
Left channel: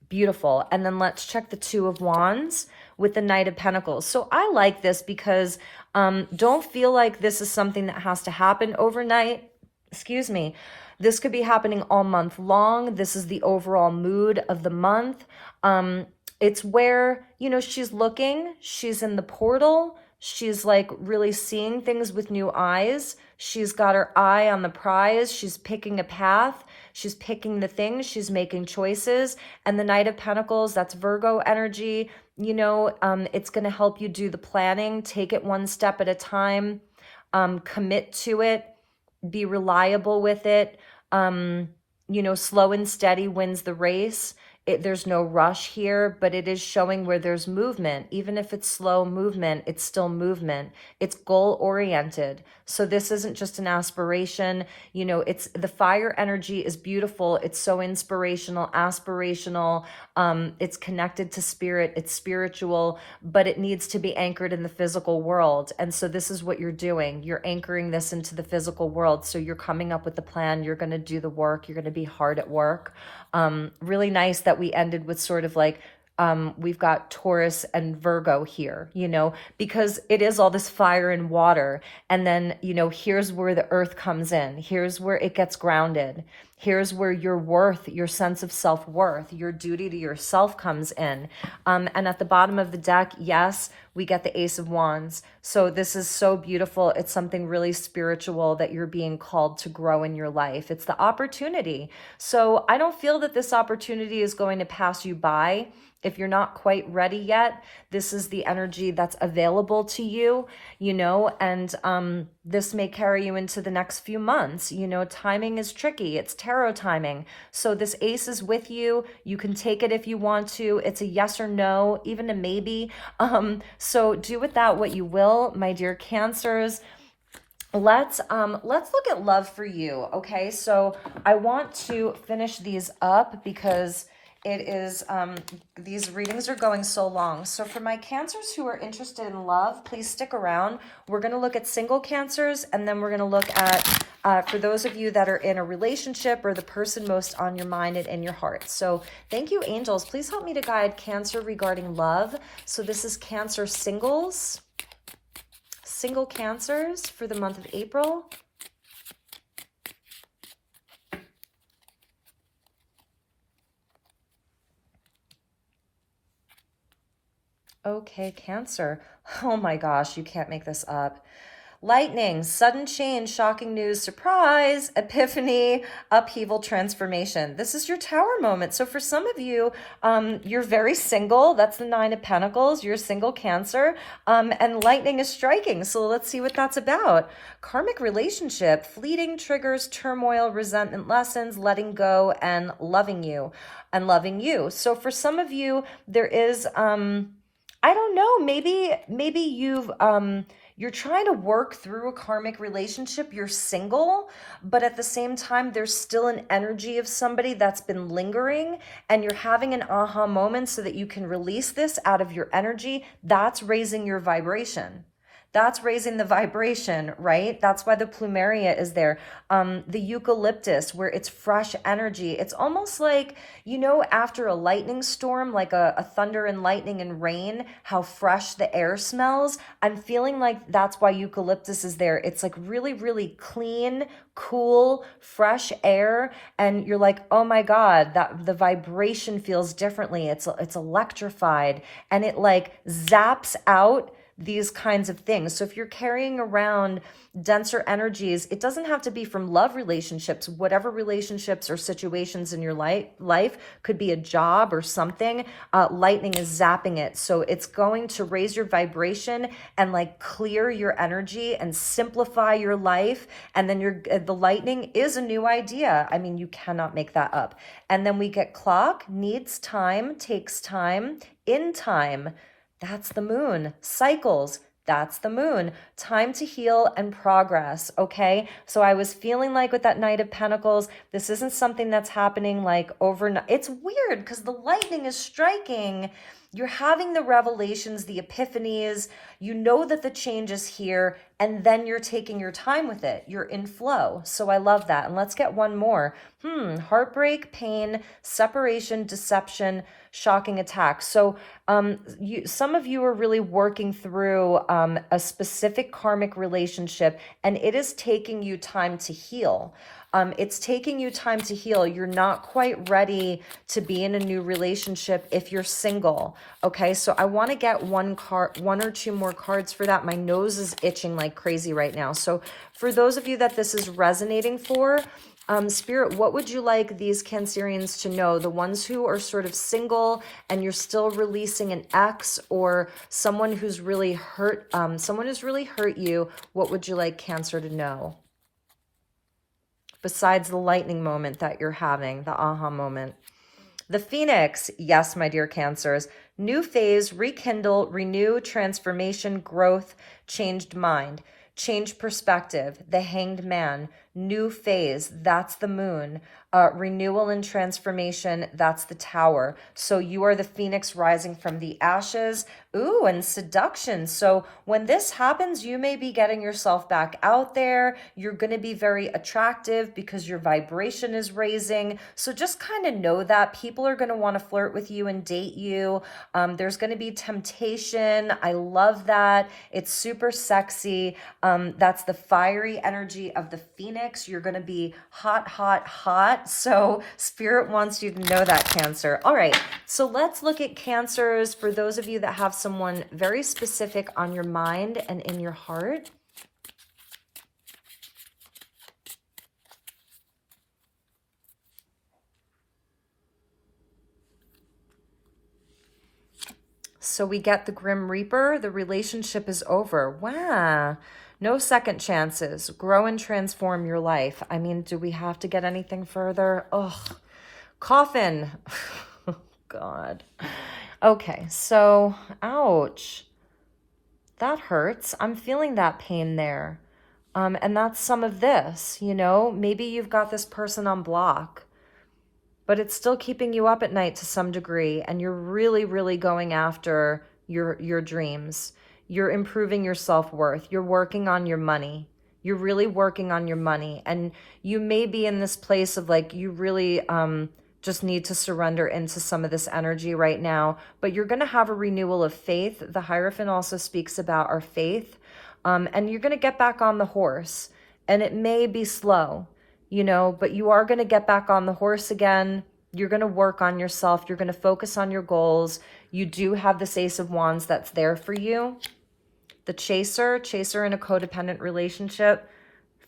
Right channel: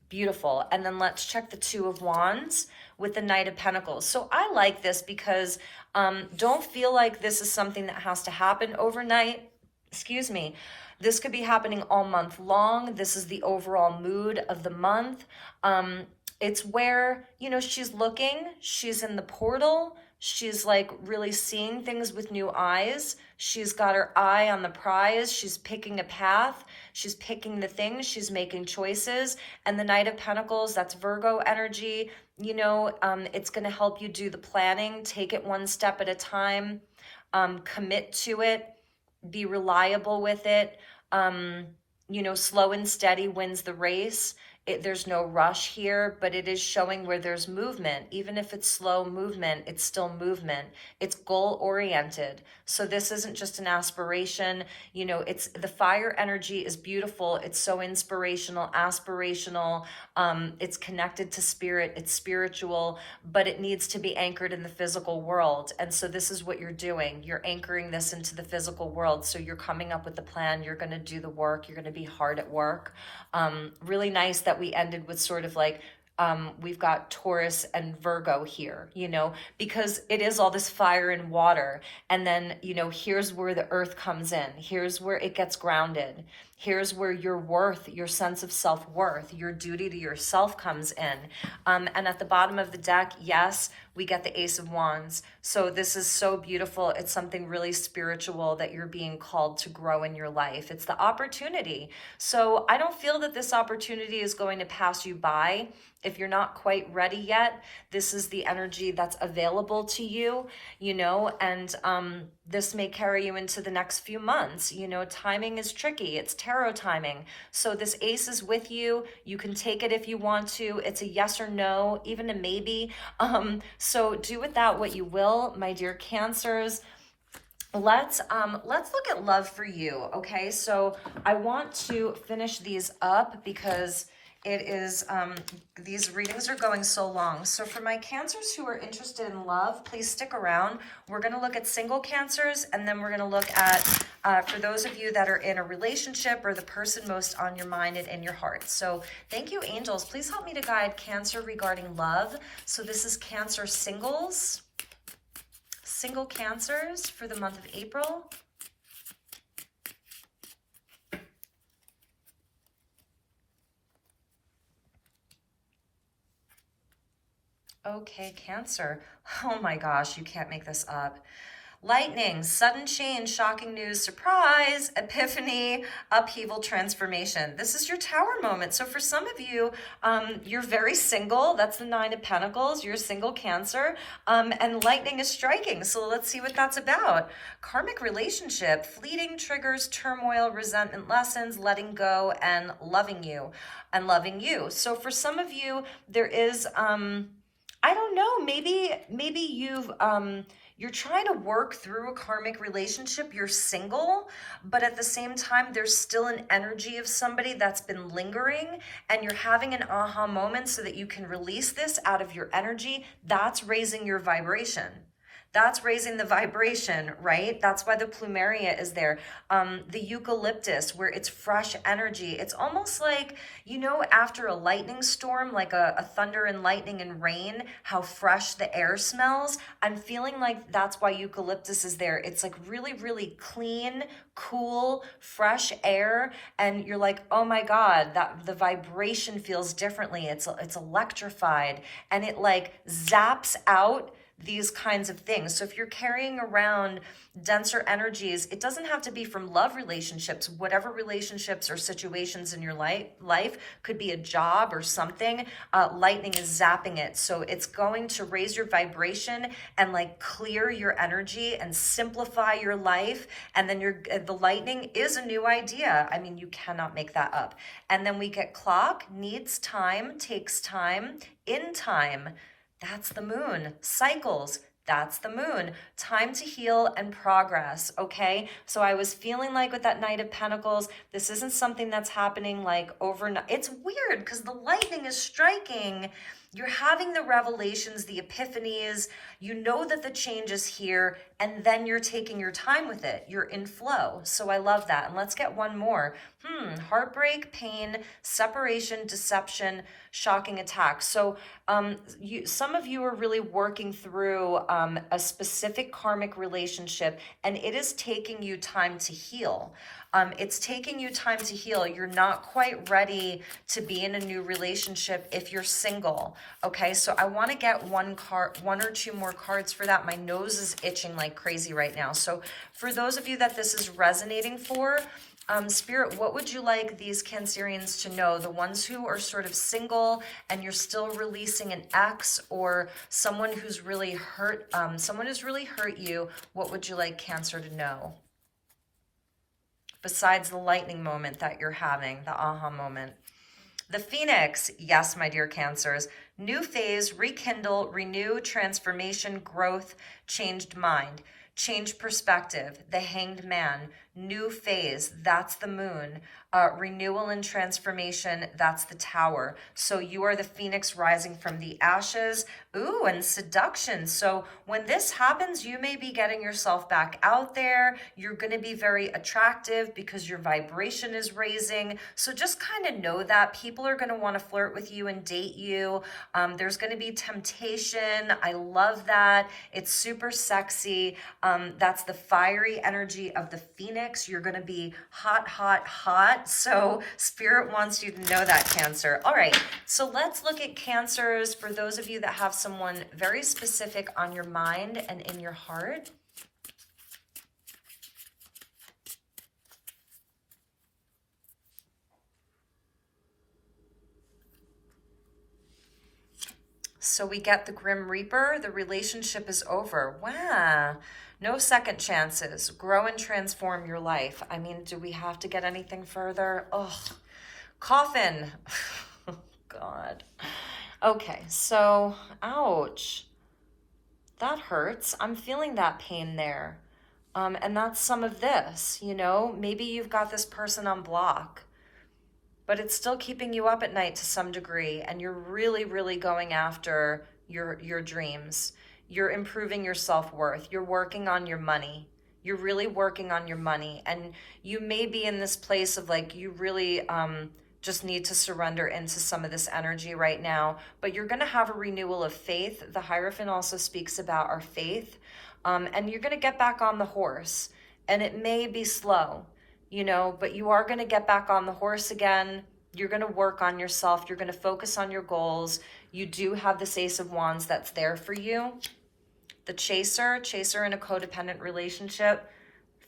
Beautiful. And then let's check the Two of Wands with the Knight of Pentacles. So I like this because don't feel like this is something that has to happen overnight. Excuse me. This could be happening all month long. This is the overall mood of the month. It's where, you know, she's looking, she's in the portal, she's like really seeing things with new eyes. She's got her eye on the prize. She's picking a path. She's picking the things. She's making choices. And the Knight of Pentacles, that's Virgo energy. You know, it's going to help you do the planning. Take it one step at a time. Commit to it. Be reliable with it. You know, slow and steady wins the race. There's no rush here, but it is showing where there's movement. Even if it's slow movement, it's still movement. It's goal-oriented. So this isn't just an aspiration. You know, it's the fire energy is beautiful. It's so inspirational, aspirational. It's connected to spirit. It's spiritual, but it needs to be anchored in the physical world. And so this is what you're doing. You're anchoring this into the physical world. So you're coming up with the plan. You're going to do the work. You're going to be hard at work. Really nice that we ended with sort of like, we've got Taurus and Virgo here, you know, because it is all this fire and water. And then, you know, here's where the earth comes in. Here's where it gets grounded. Here's where your worth, your sense of self-worth, your duty to yourself comes in. And at the bottom of the deck, yes, we get the Ace of Wands. So this is so beautiful. It's something really spiritual that you're being called to grow in your life. It's the opportunity. So I don't feel that this opportunity is going to pass you by. If you're not quite ready yet, this is the energy that's available to you, you know, and this may carry you into the next few months. You know, timing is tricky. It's tarot timing. So this ace is with you. You can take it if you want to. It's a yes or no, even a maybe. So do with that what you will, my dear Cancers. Let's look at love for you. Okay, so I want to finish these up because it is, these readings are going so long. So for my Cancers who are interested in love, please stick around. We're going to look at single Cancers, and then we're going to look at, for those of you that are in a relationship or the person most on your mind and in your heart. So thank you, angels. Please help me to guide Cancer regarding love. So this is Cancer singles, single Cancers for the month of April. Okay, Cancer. Oh my gosh, you can't make this up. Lightning, sudden change, shocking news, surprise, epiphany, upheaval, transformation. This is your Tower moment. So for some of you, you're very single. That's the Nine of Pentacles. You're a single Cancer, and lightning is striking. So let's see what that's about. Karmic relationship, fleeting triggers, turmoil, resentment, lessons, letting go, and loving you, and loving you. So for some of you, there is, I don't know, maybe you've, you're trying to work through a karmic relationship. You're single, but at the same time, there's still an energy of somebody that's been lingering, and you're having an aha moment so that you can release this out of your energy. That's raising your vibration. That's raising the vibration, right? That's why the plumeria is there. The eucalyptus, where it's fresh energy. It's almost like, you know, after a lightning storm, like a thunder and lightning and rain, how fresh the air smells. I'm feeling like that's why eucalyptus is there. It's like really, really clean, cool, fresh air. And you're like, oh my God, that the vibration feels differently. It's electrified, and it like zaps out these kinds of things. So if you're carrying around denser energies, it doesn't have to be from love relationships. Whatever relationships or situations in your life could be a job or something. Lightning is zapping it. So it's going to raise your vibration and like clear your energy and simplify your life. And then the lightning is a new idea. I mean, you cannot make that up. And then we get clock, needs time, takes time, in time, That's the moon. Cycles. That's the moon. Time to heal and progress. Okay. So I was feeling like with that Knight of Pentacles, this isn't something that's happening like overnight. It's weird because the lightning is striking. You're having the revelations, the epiphanies. You know that the change is here, and then you're taking your time with it. You're in flow. So I love that. And let's get one more. Heartbreak, pain, separation, deception, shocking attack. So some of you are really working through a specific karmic relationship, and it is taking you time to heal. It's taking you time to heal. You're not quite ready to be in a new relationship if you're single. Okay, so I want to get one or two more cards for that. My nose is itching like crazy right now. So for those of you that this is resonating for, Spirit, what would you like these Cancerians to know? The ones who are sort of single and you're still releasing an ex, or someone who's really hurt, someone who's really hurt you, what would you like Cancer to know? Besides the lightning moment that you're having, the aha moment. The Phoenix, yes, my dear Cancers. New phase, rekindle, renew, transformation, growth, changed mind, changed perspective. The Hanged Man, new phase, that's the moon. Renewal and transformation, that's the Tower. So you are the Phoenix rising from the ashes. Ooh, and seduction. So when this happens, you may be getting yourself back out there. You're going to be very attractive because your vibration is raising. So just kind of know that people are going to want to flirt with you and date you. There's going to be temptation. I love that. It's super sexy. That's the fiery energy of the Phoenix. You're going to be hot, hot, hot. So Spirit wants you to know that, Cancer. All right. So let's look at Cancers for those of you that have someone very specific on your mind and in your heart. So we get the Grim Reaper. The relationship is over. Wow. No second chances. Grow and transform your life. I mean, do we have to get anything further? Ugh. Coffin. God. Okay, so, ouch. That hurts. I'm feeling that pain there. And that's some of this, you know? Maybe you've got this person on block, but it's still keeping you up at night to some degree, and you're really, really going after your dreams. You're improving your self-worth. You're working on your money. You're really working on your money. And you may be in this place of like, you really just need to surrender into some of this energy right now. But you're going to have a renewal of faith. The Hierophant also speaks about our faith. And you're going to get back on the horse. And it may be slow, you know, but you are going to get back on the horse again. You're going to work on yourself. You're going to focus on your goals. You do have this Ace of Wands that's there for you. The chaser in a codependent relationship,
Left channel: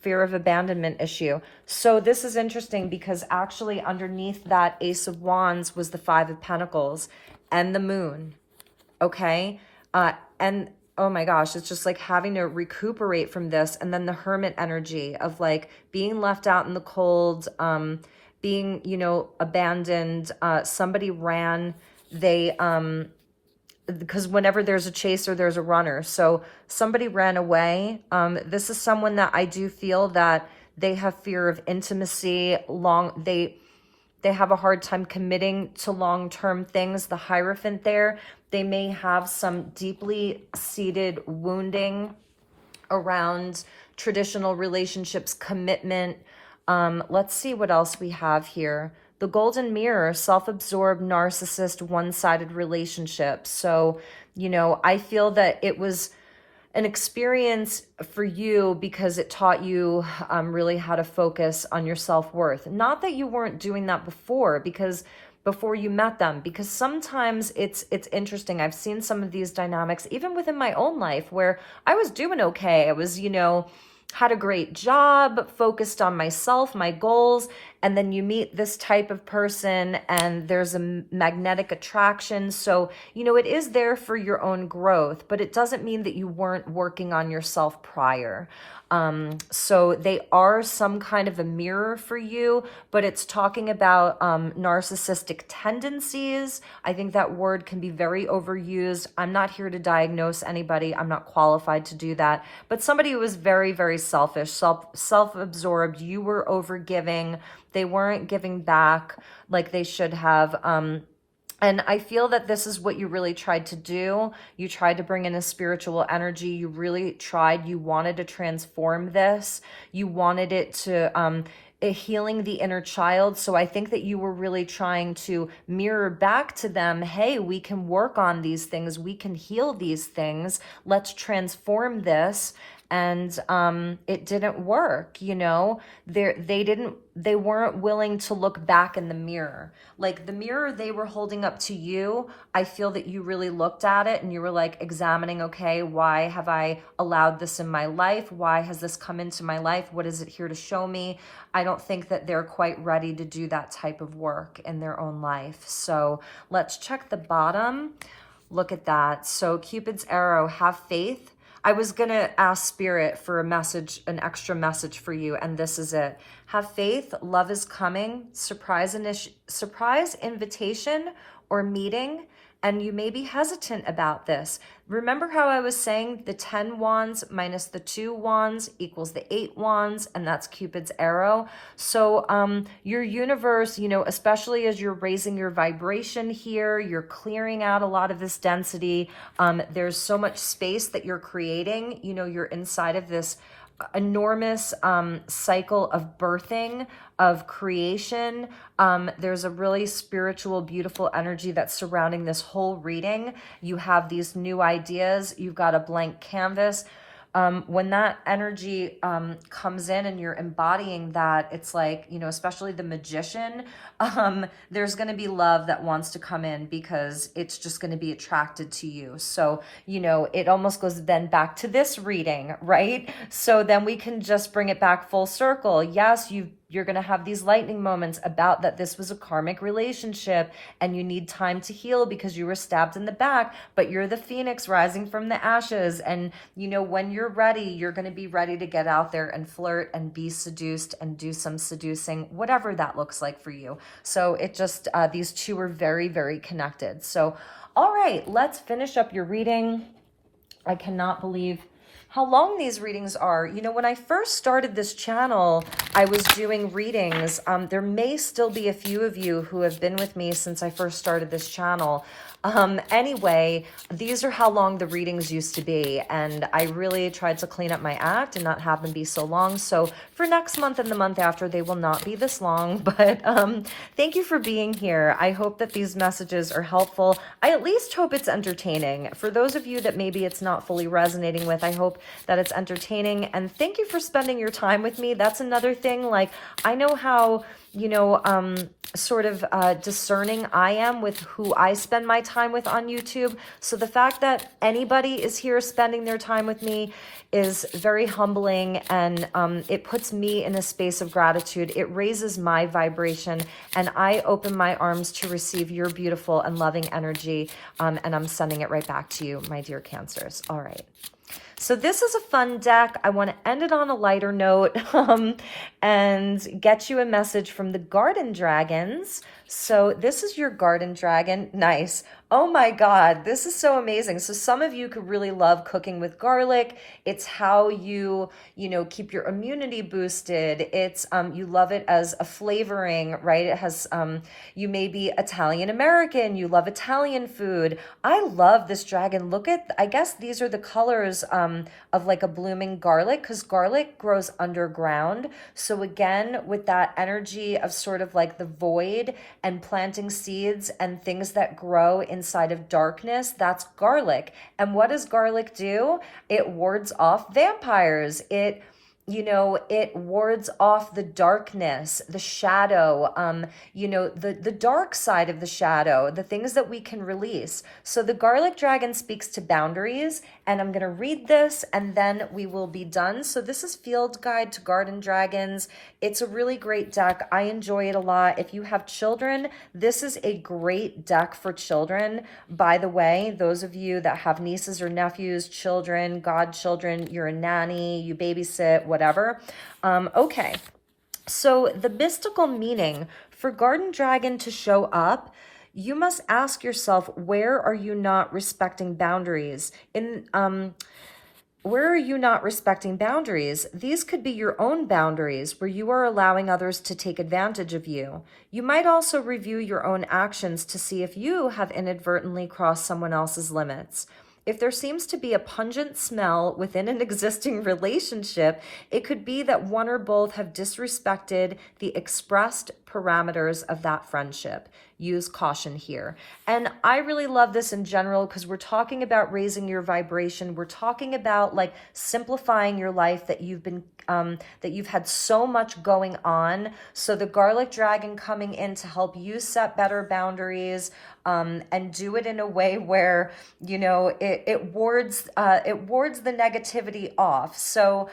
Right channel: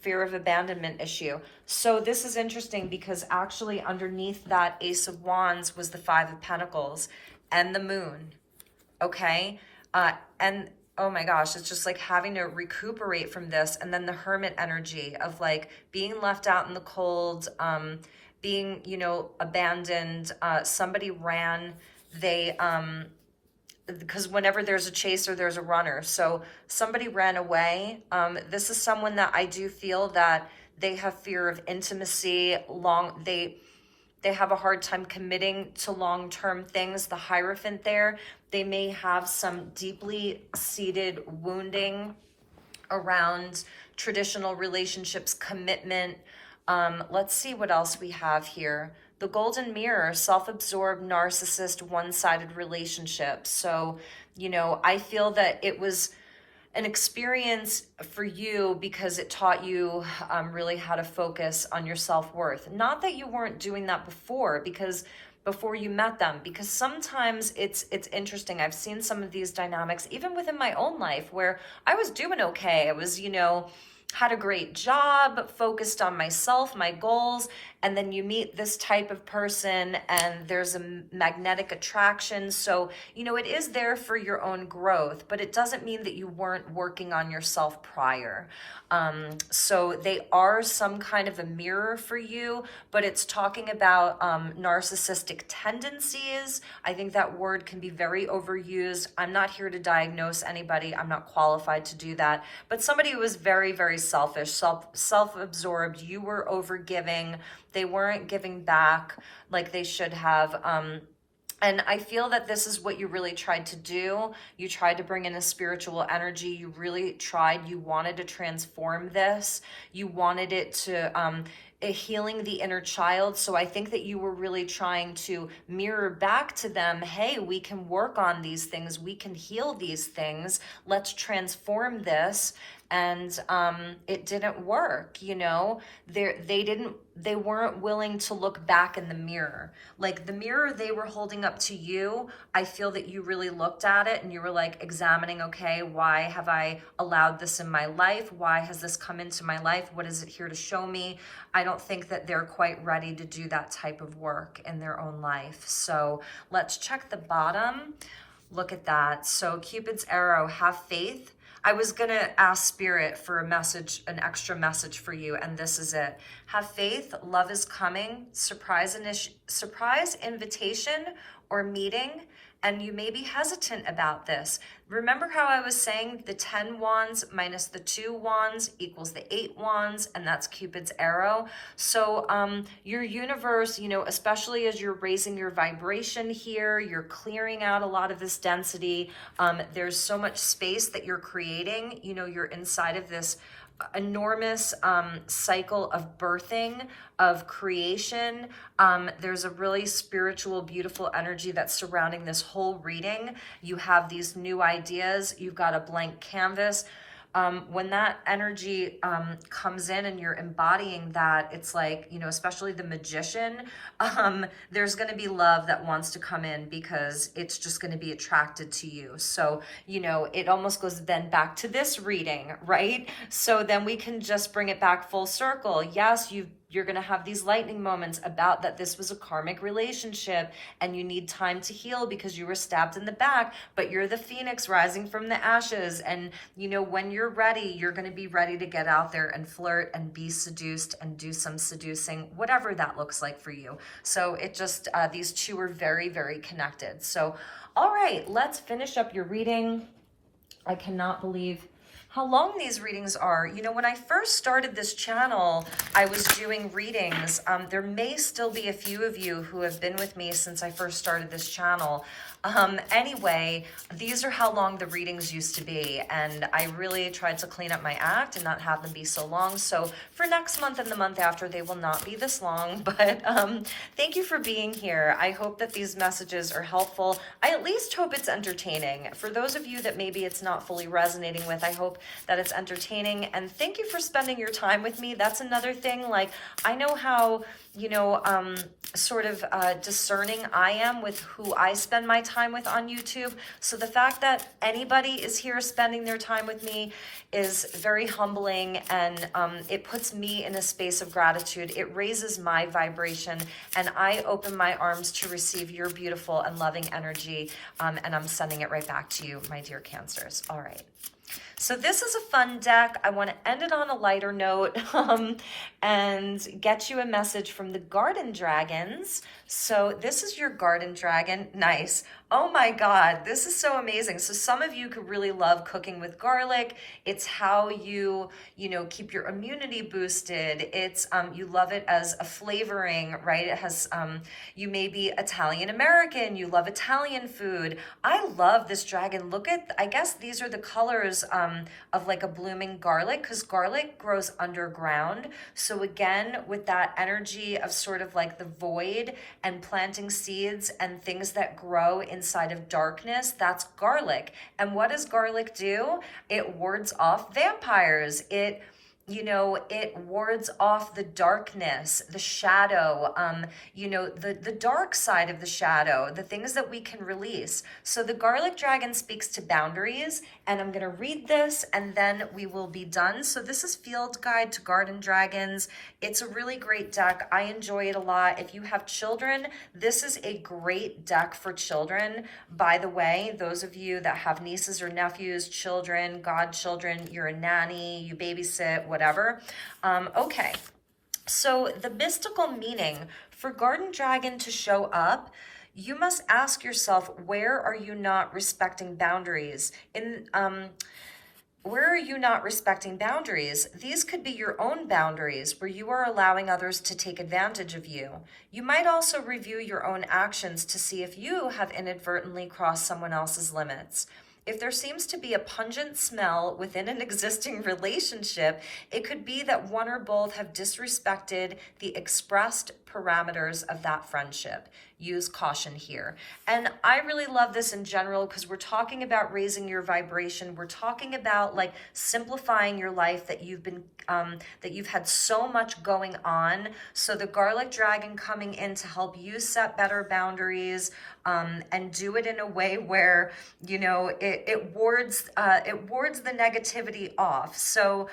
fear of abandonment issue. So this is interesting because actually underneath that Ace of Wands was the Five of Pentacles and the Moon. Okay. And oh my gosh, it's just like having to recuperate from this. And then the Hermit energy of like being left out in the cold, being, you know, abandoned. Somebody ran, because whenever there's a chaser, there's a runner. So somebody ran away. This is someone that I do feel that they have fear of intimacy. They have a hard time committing to long-term things. The Hierophant there, they may have some deeply seated wounding around traditional relationships, commitment. Let's see what else we have here. The Golden Mirror, self-absorbed, narcissist, one-sided relationship. So, you know, I feel that it was an experience for you because it taught you really how to focus on your self-worth. Not that you weren't doing that before, because before you met them, because sometimes it's interesting. I've seen some of these dynamics even within my own life where I was doing okay. I was, you know, had a great job, focused on myself, my goals, and then you meet this type of person and there's a magnetic attraction. So, you know, it is there for your own growth, but it doesn't mean that you weren't working on yourself prior. So they are some kind of a mirror for you, but it's talking about narcissistic tendencies. I think that word can be very overused. I'm not here to diagnose anybody. I'm not qualified to do that. But somebody who was very, very selfish, self-absorbed. You were overgiving. They weren't giving back like they should have. And I feel that this is what you really tried to do. You tried to bring in a spiritual energy. You really tried. You wanted to transform this. You wanted it to healing the inner child. So I think that you were really trying to mirror back to them, hey, we can work on these things. We can heal these things. Let's transform this. And it didn't work, you know. They weren't willing to look back in the mirror. Like the mirror they were holding up to you, I feel that you really looked at it and you were like examining, okay, why have I allowed this in my life? Why has this come into my life? What is it here to show me? I don't think that they're quite ready to do that type of work in their own life. So let's check the bottom. Look at that. So Cupid's arrow, have faith. I was going to ask Spirit for a message, an extra message for you, and this is it. Have faith, love is coming, surprise invitation or meeting, and you may be hesitant about this. Remember how I was saying the 10 wands minus the 2 wands equals the 8 wands, and that's Cupid's arrow. So your universe, you know, especially as you're raising your vibration here, you're clearing out a lot of this density. There's so much space that you're creating. You know, you're inside of this enormous cycle of birthing, of creation. There's a really spiritual, beautiful energy that's surrounding this whole reading. You have these new ideas. You've got a blank canvas. When that energy comes in and you're embodying that, it's like, you know, especially the magician, there's going to be love that wants to come in because it's just going to be attracted to you. So, you know, it almost goes then back to this reading, right? So then we can just bring it back full circle. Yes, you're going to have these lightning moments about that this was a karmic relationship and you need time to heal because you were stabbed in the back, but you're the phoenix rising from the ashes. And, you know, when you're ready, you're going to be ready to get out there and flirt and be seduced and do some seducing, whatever that looks like for you. So it just, these two are very, very connected. So, all right, let's finish up your reading. I cannot believe how long these readings are. You know, when I first started this channel, I was doing readings. There may still be a few of you who have been with me since I first started this channel. Anyway, these are how long the readings used to be, and I really tried to clean up my act and not have them be so long. So for next month and the month after, they will not be this long, but thank you for being here. I hope that these messages are helpful. I at least hope it's entertaining. For those of you that maybe it's not fully resonating with, I hope that it's entertaining, and thank you for spending your time with me. That's another thing. Like, I know how, you know, sort of discerning I am with who I spend my time with on YouTube. So the fact that anybody is here spending their time with me is very humbling, and it puts me in a space of gratitude. It raises my vibration, and I open my arms to receive your beautiful and loving energy, and I'm sending it right back to you, my dear Cancers. All right. So this is a fun deck. I want to end it on a lighter note and get you a message from the Garden Dragons. So this is your Garden Dragon. Nice. Oh my God, this is so amazing. So some of you could really love cooking with garlic. It's how you know, keep your immunity boosted. It's, you love it as a flavoring, right? It has, you may be Italian American, you love Italian food. I love this dragon. Look at, I guess these are the colors of like a blooming garlic, because garlic grows underground. So again, with that energy of sort of like the void and planting seeds and things that grow inside of darkness, that's garlic. And what does garlic do? It wards off vampires. It, you know, it wards off the darkness, the shadow, you know, the dark side of the shadow, the things that we can release. So the garlic dragon speaks to boundaries, and I'm going to read this and then we will be done. So this is Field Guide to Garden Dragons. It's a really great deck. I enjoy it a lot. If you have children, this is a great deck for children. By the way, those of you that have nieces or nephews, children, godchildren, you're a nanny, you babysit, whatever. Okay, so the mystical meaning for Garden Dragon to show up, you must ask yourself, where are you not respecting boundaries? Where are you not respecting boundaries? These could be your own boundaries where you are allowing others to take advantage of you. You might also review your own actions to see if you have inadvertently crossed someone else's limits. If there seems to be a pungent smell within an existing relationship, it could be that one or both have disrespected the expressed parameters of that friendship. Use caution here. And I really love this in general because we're talking about raising your vibration. We're talking about like simplifying your life that you've had so much going on. So the garlic dragon coming in to help you set better boundaries, and do it in a way where, you know, it wards the negativity off. So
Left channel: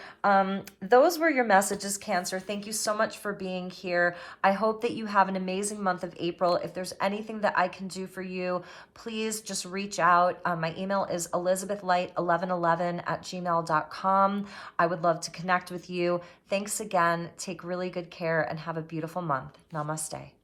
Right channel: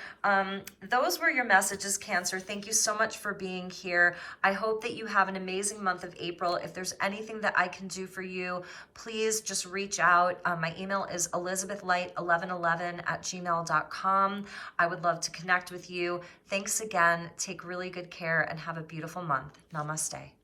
those were your messages, Cancer. Thank you so much for being here. I hope that you have an amazing month of April. If there's anything that I can do for you, please just reach out. My email is elizabethlight1111@gmail.com. I would love to connect with you. Thanks again. Take really good care and have a beautiful month. Namaste.